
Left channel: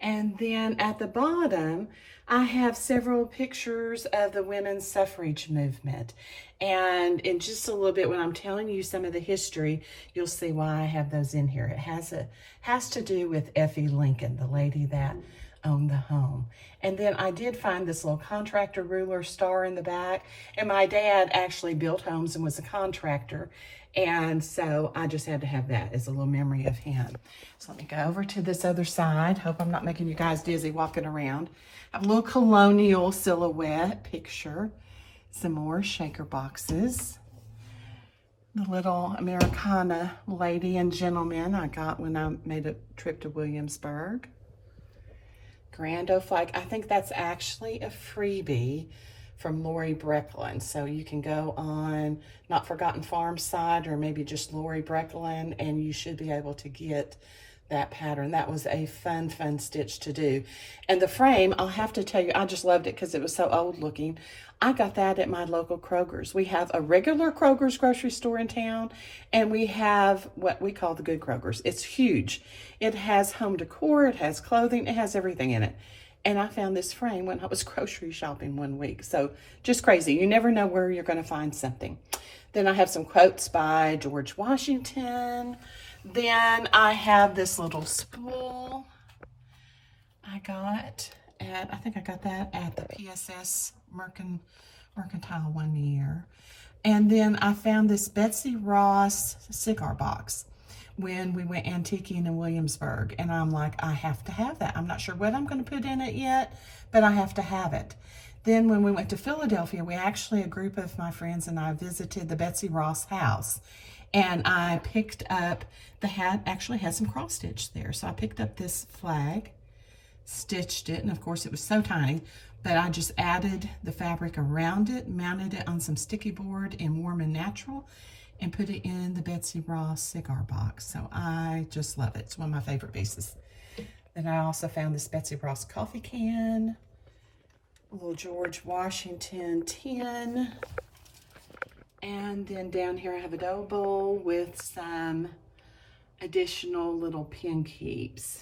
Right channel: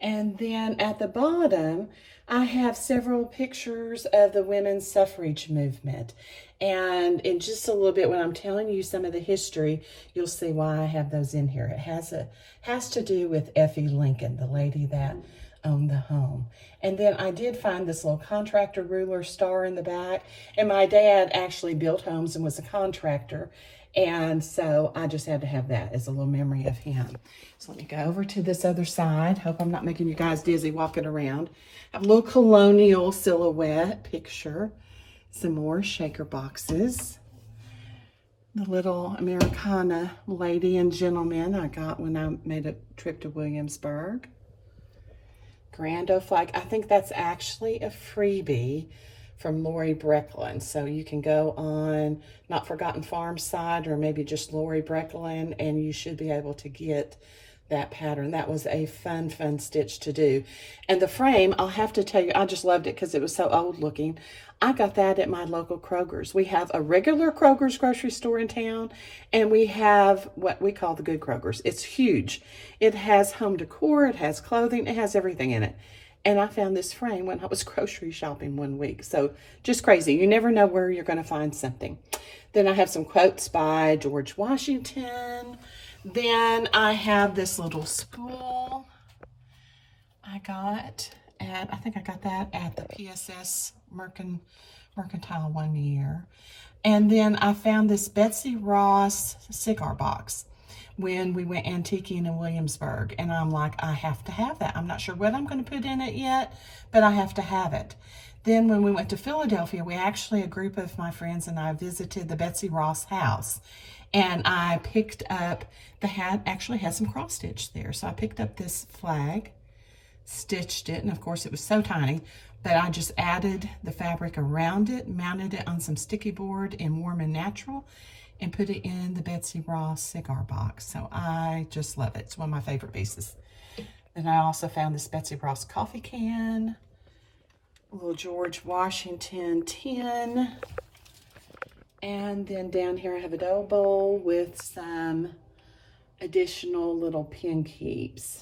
And then at the bottom, I have several pictures of the women's suffrage movement. And in just a little bit, when I'm telling you some of the history, you'll see why I have those in here. It has to do with Effie Lincoln, the lady that owned the home. And then I did find this little contractor ruler star in the back. And my dad actually built homes and was a contractor. And so I just had to have that as a little memory of him. So let me go over to this other side. Hope I'm not making you guys dizzy walking around. I have a little colonial silhouette picture. Some more shaker boxes. The little Americana lady and gentleman I got when I made a trip to Williamsburg. Grando flag. I think that's actually a freebie from Lori Brecklin. So you can go on Not Forgotten Farm side or maybe just Lori Brecklin and you should be able to get that pattern. That was a fun stitch to do. And the frame, I'll have to tell you, I just loved it because it was so old looking. I got that at my local Kroger's. We have a regular Kroger's grocery store in town, and we have what we call the Good Kroger's. It's huge. It has home decor, it has clothing, it has everything in it. And I found this frame when I was grocery shopping one week. So just crazy. You never know where you're going to find something. Then I have some quotes by George Washington. Then I have this little spool I got at, I think I got that at the PSS Mercantile one year. And then I found this Betsy Ross cigar box when we went antiquing in Williamsburg. And I'm like, I have to have that. I'm not sure what I'm going to put in it yet, but I have to have it. Then when we went to Philadelphia, a group of my friends and I visited the Betsy Ross house. And I picked up, the hat actually has some cross stitch there. So I picked up this flag, stitched it, and of course it was so tiny, but I just added the fabric around it, mounted it on some sticky board in Warm and Natural, and put it in the Betsy Ross cigar box. So I just love it. It's one of my favorite pieces. Then I also found this Betsy Ross coffee can, a little George Washington tin, and then down here I have a dough bowl with some additional little pin keeps.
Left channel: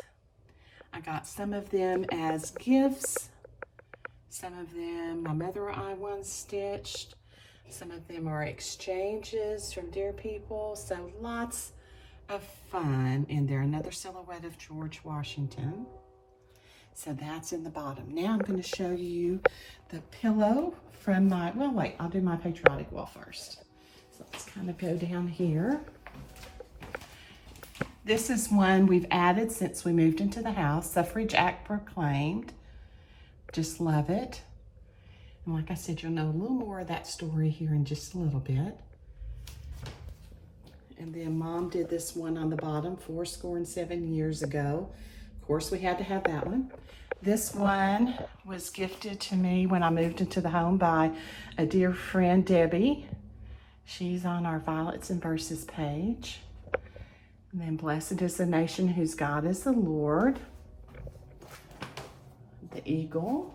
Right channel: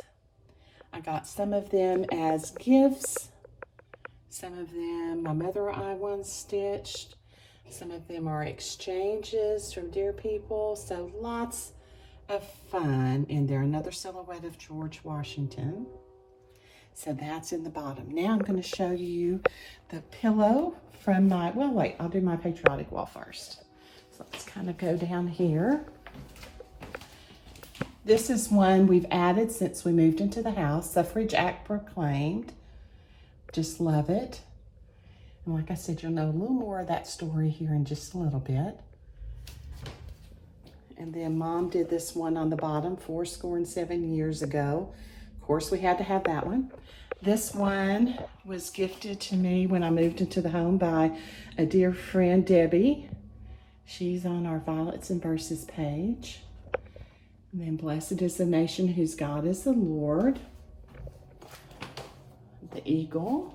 I got some of them as gifts. Some of them my mother and I once stitched. Some of them are exchanges from dear people. So lots of fun in there. Another silhouette of George Washington. So that's in the bottom. Now I'm going to show you the pillow from my, well, wait, I'll do my Patriotic Wall first. So let's kind of go down here. This is one we've added since we moved into the house. Suffrage Act proclaimed. Just love it. And like I said, you'll know a little more of that story here in just a little bit. And then Mom did this one on the bottom 7 years ago. Of course, we had to have that one. This one was gifted to me when I moved into the home by a dear friend, Debbie. She's on our Violets and Verses page. And then blessed is the nation whose God is the Lord. The eagle.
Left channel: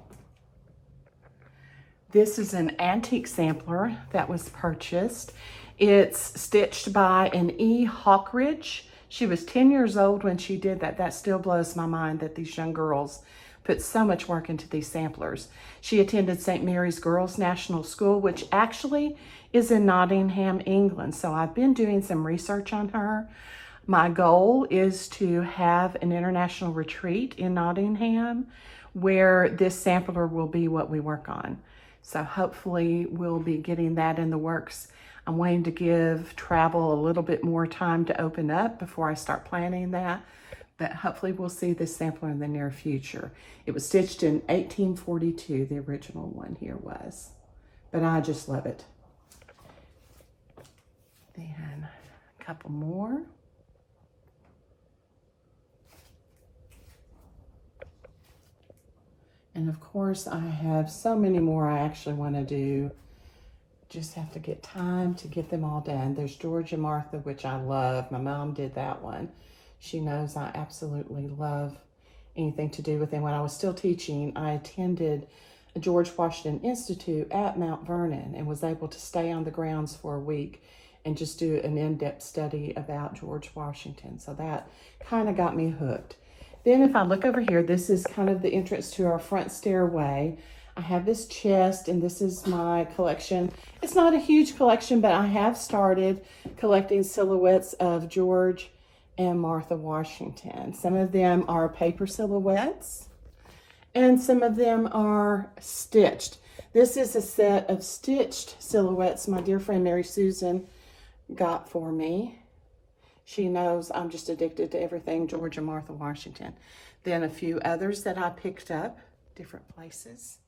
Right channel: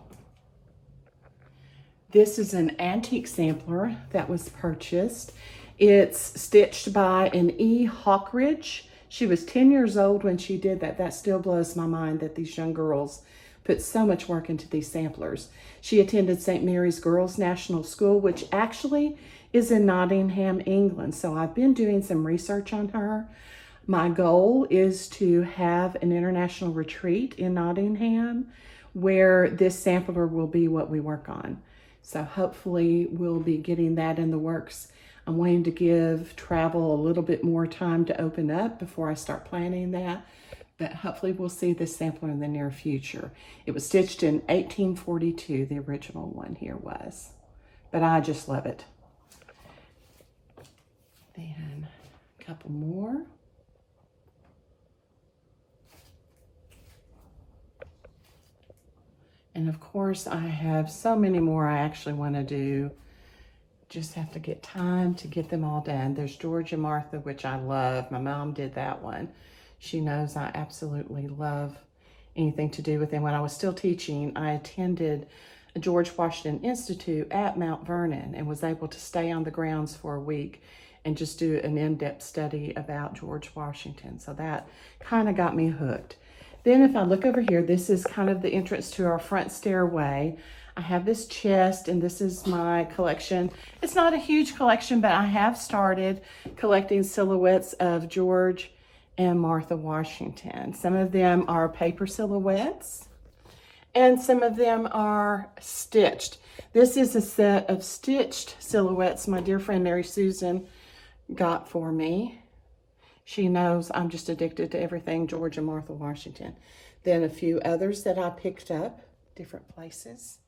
This is an antique sampler that was purchased. It's stitched by an E. Hawkridge. She was 10 years old when she did that. That still blows my mind that these young girls put so much work into these samplers. She attended St. Mary's Girls National School, which actually is in Nottingham, England. So I've been doing some research on her. My goal is to have an international retreat in Nottingham where this sampler will be what we work on. So hopefully we'll be getting that in the works. I'm waiting to give travel a little bit more time to open up before I start planning that. But hopefully we'll see this sampler in the near future. It was stitched in 1842, the original one here was. But I just love it. Then a couple more. And of course, I have so many more I actually want to do. Just have to get time to get them all done. There's George and Martha, which I love. My mom did that one. She knows I absolutely love anything to do with them. When I was still teaching, I attended a George Washington Institute at Mount Vernon and was able to stay on the grounds for a week and just do an in-depth study about George Washington. So that kind of got me hooked. Then if I look over here, this is kind of the entrance to our front stairway. I have this chest, and this is my collection. It's not a huge collection, but I have started collecting silhouettes of George and Martha Washington. Some of them are paper silhouettes, and some of them are stitched. This is a set of stitched silhouettes my dear friend Mary Susan got for me. She knows I'm just addicted to everything George and Martha Washington. Then a few others that I picked up, different places.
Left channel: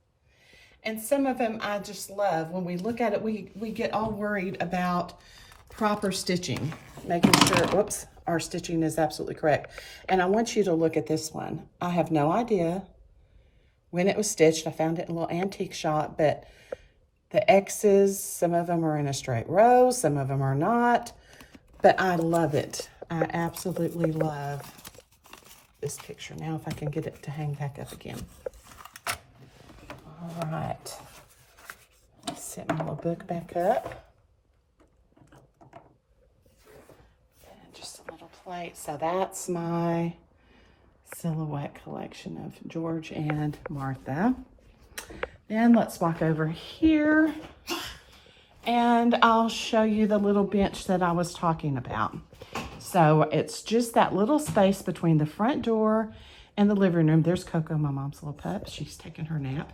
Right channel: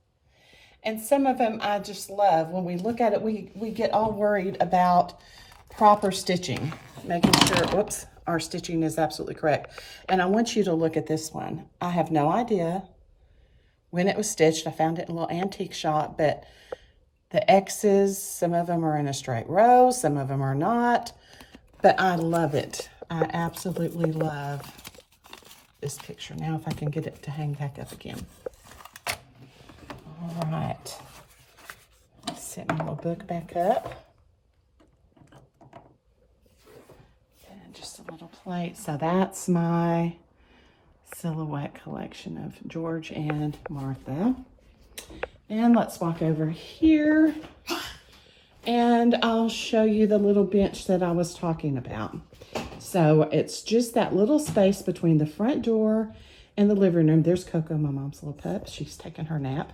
And some of them I just love. When we look at it, we get all worried about proper stitching, making sure, whoops, our stitching is absolutely correct. And I want you to look at this one. I have no idea when it was stitched. I found it in a little antique shop, but the X's, some of them are in a straight row, some of them are not, but I love it. I absolutely love this picture. Now if I can get it to hang back up again. All right, set my little book back up. And just a little plate. So that's my silhouette collection of George and Martha. And let's walk over here and I'll show you the little bench that I was talking about. So it's just that little space between the front door and the living room. There's Coco, my mom's little pup. She's taking her nap.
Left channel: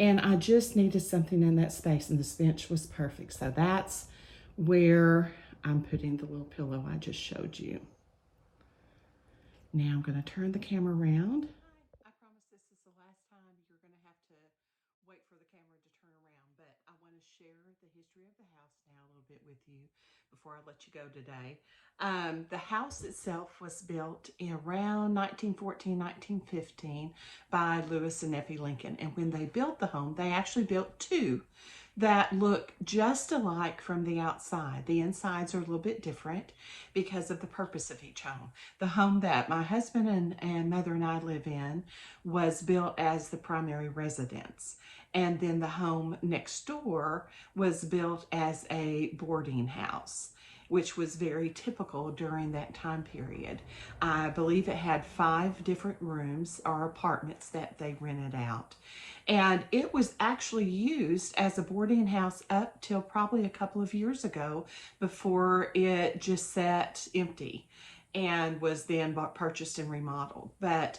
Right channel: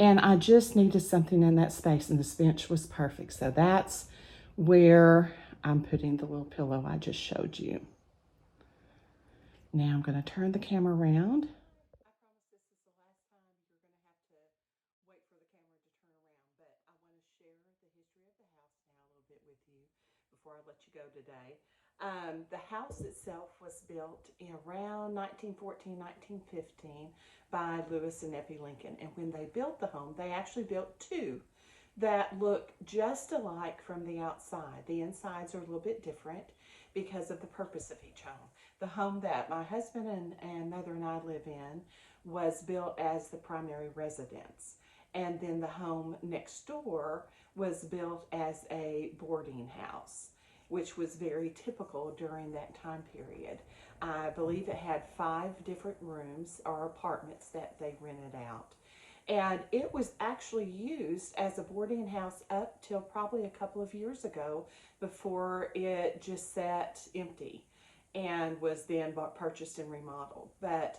And I just needed something in that space, and this bench was perfect. So that's where I'm putting the little pillow I just showed you. Now I'm going to turn the camera around. I promise this is the last time you're going to have to wait for the camera to turn around, but I want to share the history of the house now a little bit with you before I let you go today. The house itself was built in around 1914, 1915 by Lewis and Effie Lincoln. And when they built the home, they actually built two that look just alike from the outside. The insides are a little bit different because of the purpose of each home. The home that my husband and mother and I live in was built as the primary residence. And then the home next door was built as a boarding house, which was very typical during that time period. I believe it had 5 different rooms or apartments that they rented out. And it was actually used as a boarding house up till probably a couple of years ago before it just sat empty and was then purchased and remodeled. But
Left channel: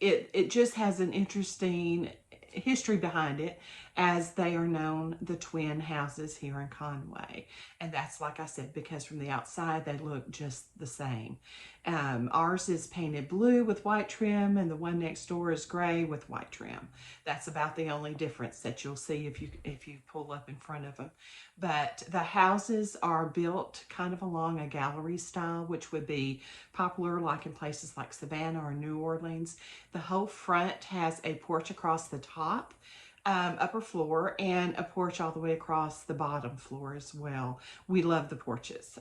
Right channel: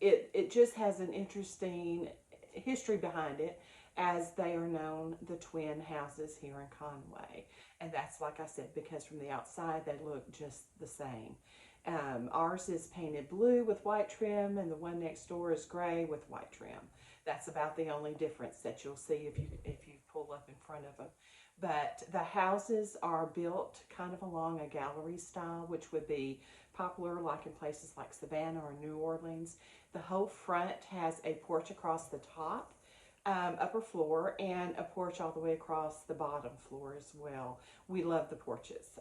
it just has an interesting history behind it, as they are known the twin houses here in Conway. And that's, like I said, because from the outside they look just the same. Ours is painted blue with white trim, and the one next door is gray with white trim. That's about the only difference that you'll see if you pull up in front of them. But the houses are built kind of along a gallery style, which would be popular like in places like Savannah or New Orleans. The whole front has a porch across the top, upper floor, and a porch all the way across the bottom floor as well. We love the porches.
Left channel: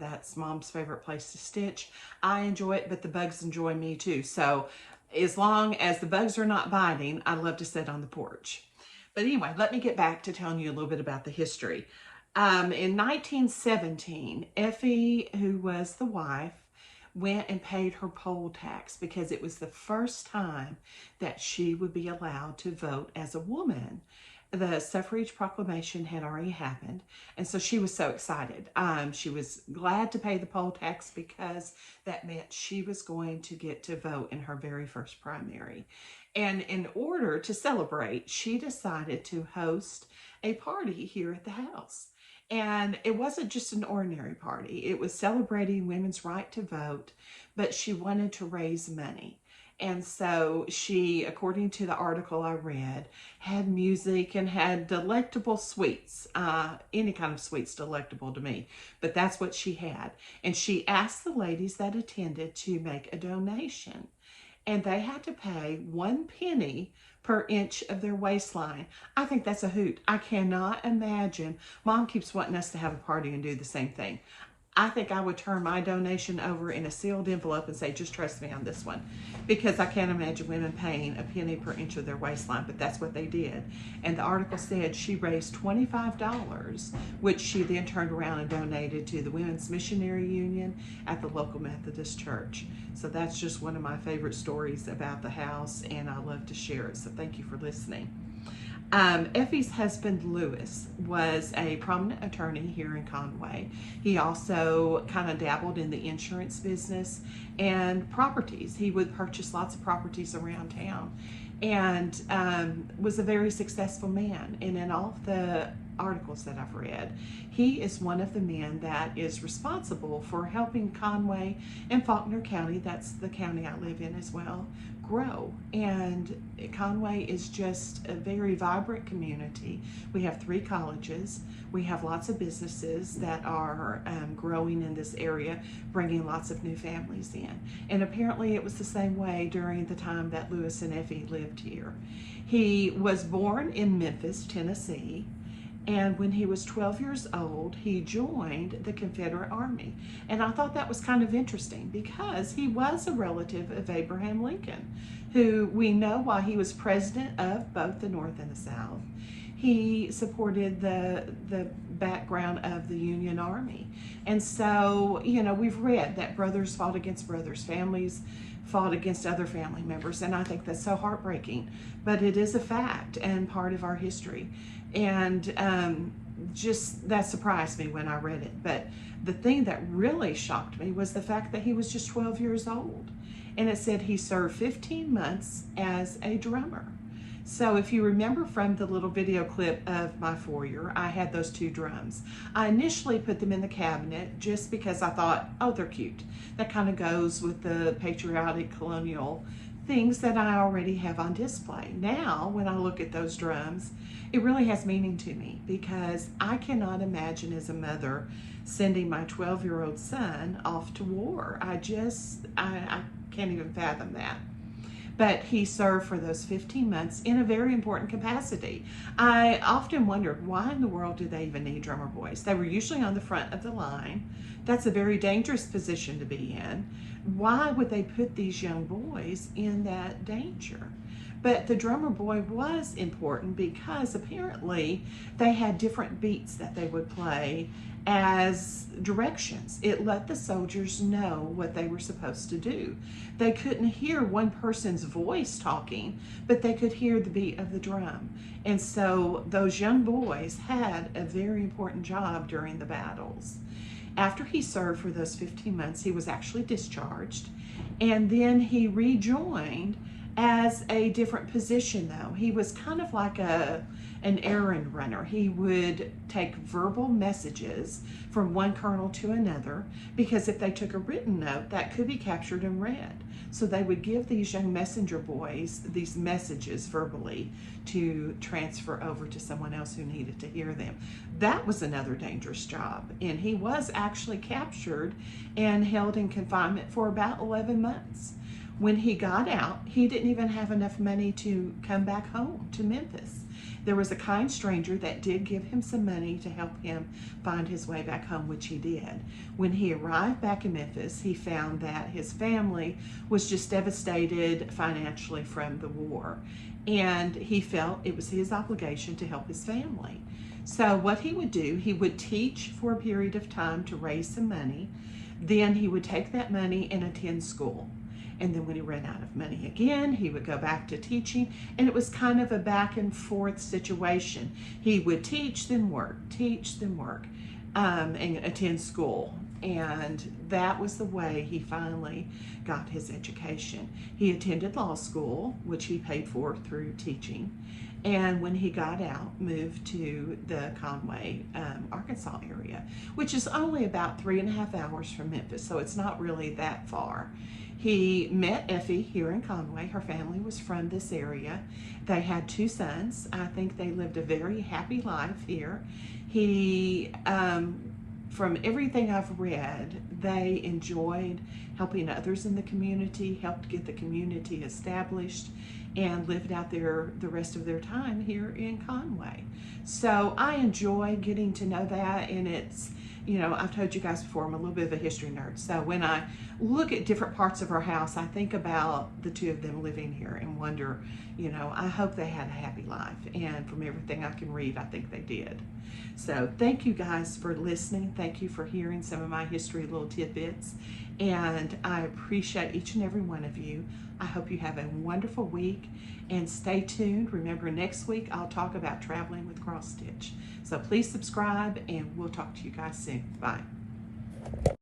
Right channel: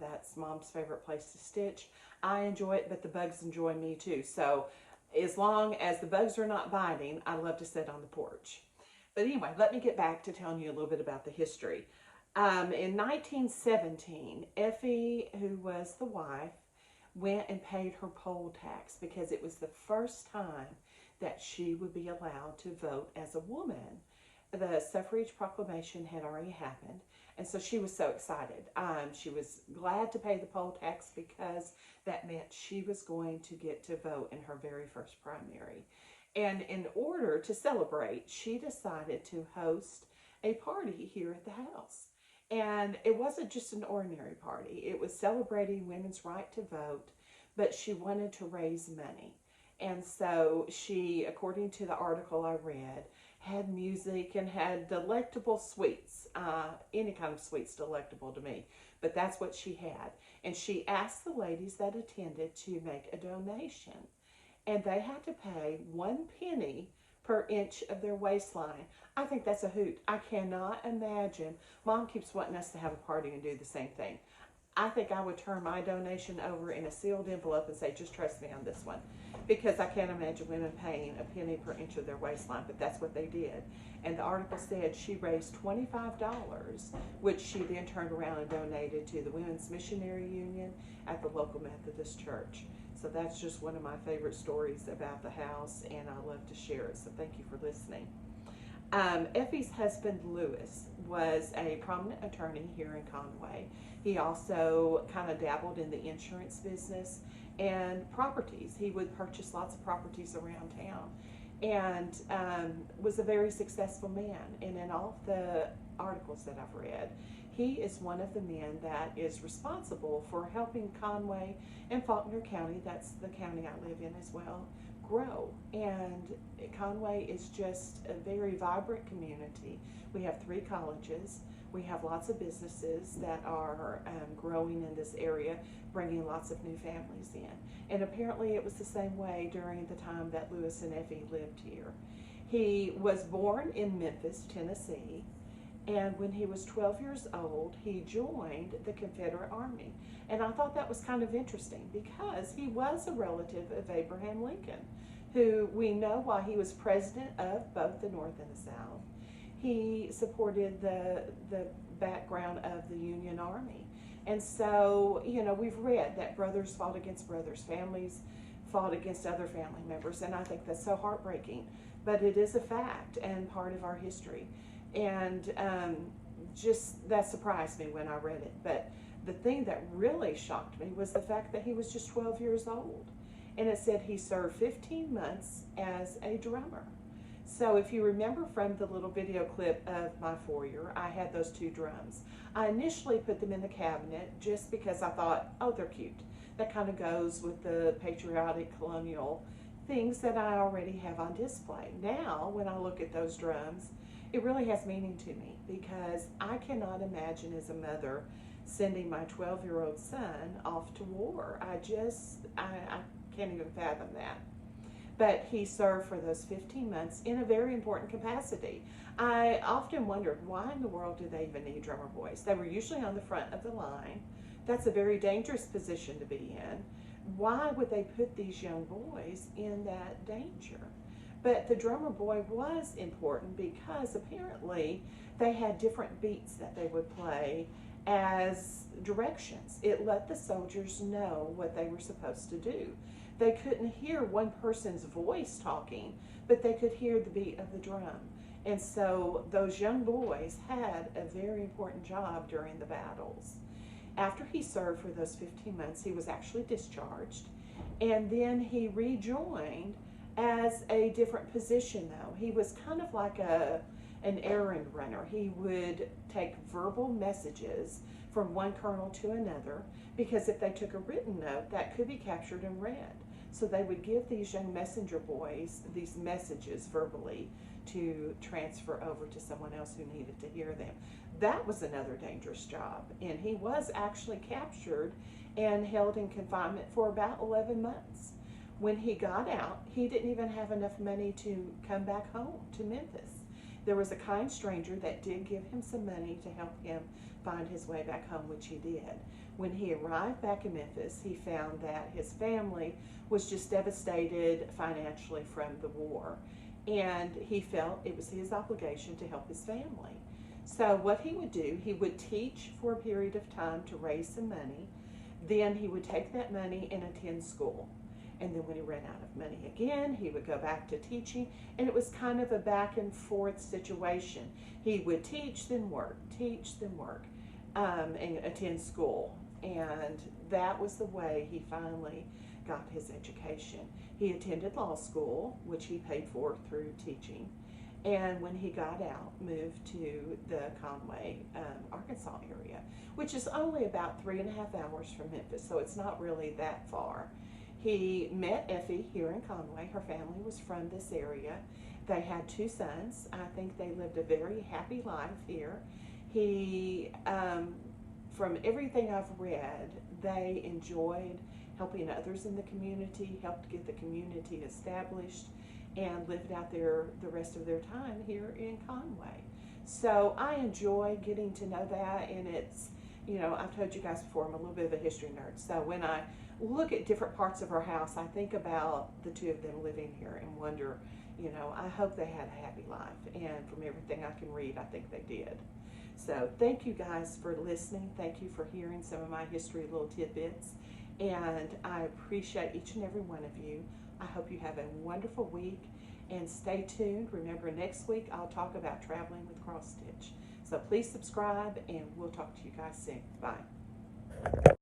That's Mom's favorite place to stitch. I enjoy it, but the bugs enjoy me too. So as long as the bugs are not biting, I love to sit on the porch. But anyway, let me get back to telling you a little bit about the history. In 1917, Effie, who was the wife, went and paid her poll tax because it was the first time that she would be allowed to vote as a woman. The suffrage proclamation had already happened, and so she was so excited. She was glad to pay the poll tax because that meant she was going to get to vote in her very first primary. And in order to celebrate, she decided to host a party here at the house. And it wasn't just an ordinary party. It was celebrating women's right to vote, but she wanted to raise money. And so she, according to the article I read, had music and had delectable sweets. Any kind of sweets delectable to me, but that's what she had. And she asked the ladies that attended to make a donation. and they had to pay 1 penny per inch of their waistline. I think that's a hoot. I cannot imagine. Mom keeps wanting us to have a party and do the same thing. I think I would turn my donation over in a sealed envelope and say, just trust me on this one. Because I can't imagine women paying a penny per inch of their waistline, but that's what they did. And the article said she raised $25, which she then turned around and donated to the Women's Missionary Union at the local Methodist church. So that's just one of my favorite stories about the house, and I love to share it. So thank you for listening. Effie's husband, Lewis, was a prominent attorney here in Conway. He also kind of dabbled in the insurance business and properties. He would purchase lots of properties around town, and was a very successful man. And in all of the articles that I've read, he is one of the men that is responsible for helping Conway and Faulkner County, that's the county I live in as well, grow. And Conway is just a very vibrant community. We have 3 colleges. We have lots of businesses that are growing in this area, bringing lots of new families in. And apparently it was the same way during the time that Lewis and Effie lived here. He was born in Memphis, Tennessee. And when he was 12 years old, he joined the Confederate Army. And I thought that was kind of interesting because he was a relative of Abraham Lincoln, who we know while he was president of both the North and the South, he supported the background of the Union Army. And so, you know, we've read that brothers fought against brothers, families fought against other family members, and I think that's so heartbreaking. But it is a fact and part of our history. And just that surprised me when I read it. But the thing that really shocked me was the fact that he was just 12 years old. And it said he served 15 months as a drummer. So if you remember from the little video clip of My Foyer, I had those 2 drums. I initially put them in the cabinet just because I thought, oh, they're cute. That kind of goes with the patriotic colonial things that I already have on display. Now, when I look at those drums, it really has meaning to me because I cannot imagine as a mother sending my 12-year-old son off to war. I can't even fathom that. But he served for those 15 months in a very important capacity. I often wondered, why in the world do they even need drummer boys? They were usually on the front of the line. That's a very dangerous position to be in. Why would they put these young boys in that danger? But the drummer boy was important because apparently they had different beats that they would play as directions. It let the soldiers know what they were supposed to do. They couldn't hear one person's voice talking, but they could hear the beat of the drum. And so those young boys had a very important job during the battles. After he served for those 15 months, he was actually discharged, and then he rejoined as a different position though. He was kind of like an errand runner. He would take verbal messages from one colonel to another, because if they took a written note, that could be captured and read. So they would give these young messenger boys these messages verbally to transfer over to someone else who needed to hear them. That was another dangerous job. And he was actually captured and held in confinement for about 11 months. When he got out, he didn't even have enough money to come back home to Memphis. There was a kind stranger that did give him some money to help him find his way back home, which he did. When he arrived back in Memphis, he found that his family was just devastated financially from the war. And he felt it was his obligation to help his family. So what he would do, he would teach for a period of time to raise some money. Then he would take that money and attend school. And then when he ran out of money again, he would go back to teaching. And it was kind of a back and forth situation. He would teach, then work, and attend school. And that was the way he finally got his education. He attended law school, which he paid for through teaching. And when he got out, moved to the Conway, Arkansas area, which is only about 3.5 hours from Memphis, so it's not really that far. He met Effie here in Conway. Her family was from this area. They had 2 sons. I think they lived a very happy life here. He, from everything I've read, they enjoyed helping others in the community, helped get the community established, and lived out the rest of their time here in Conway. So I enjoy getting to know that, and it's, you know, I've told you guys before, I'm a little bit of a history nerd. So when I look at different parts of our house, I think about the two of them living here and wonder, you know, I hope they had a happy life. And from everything I can read, I think they did. So thank you guys for listening. Thank you for hearing some of my history little tidbits. And I appreciate each and every one of you. I hope you have a wonderful week, and stay tuned. Remember, next week I'll talk about traveling with cross stitch. So please subscribe, and we'll talk to you guys soon. Bye.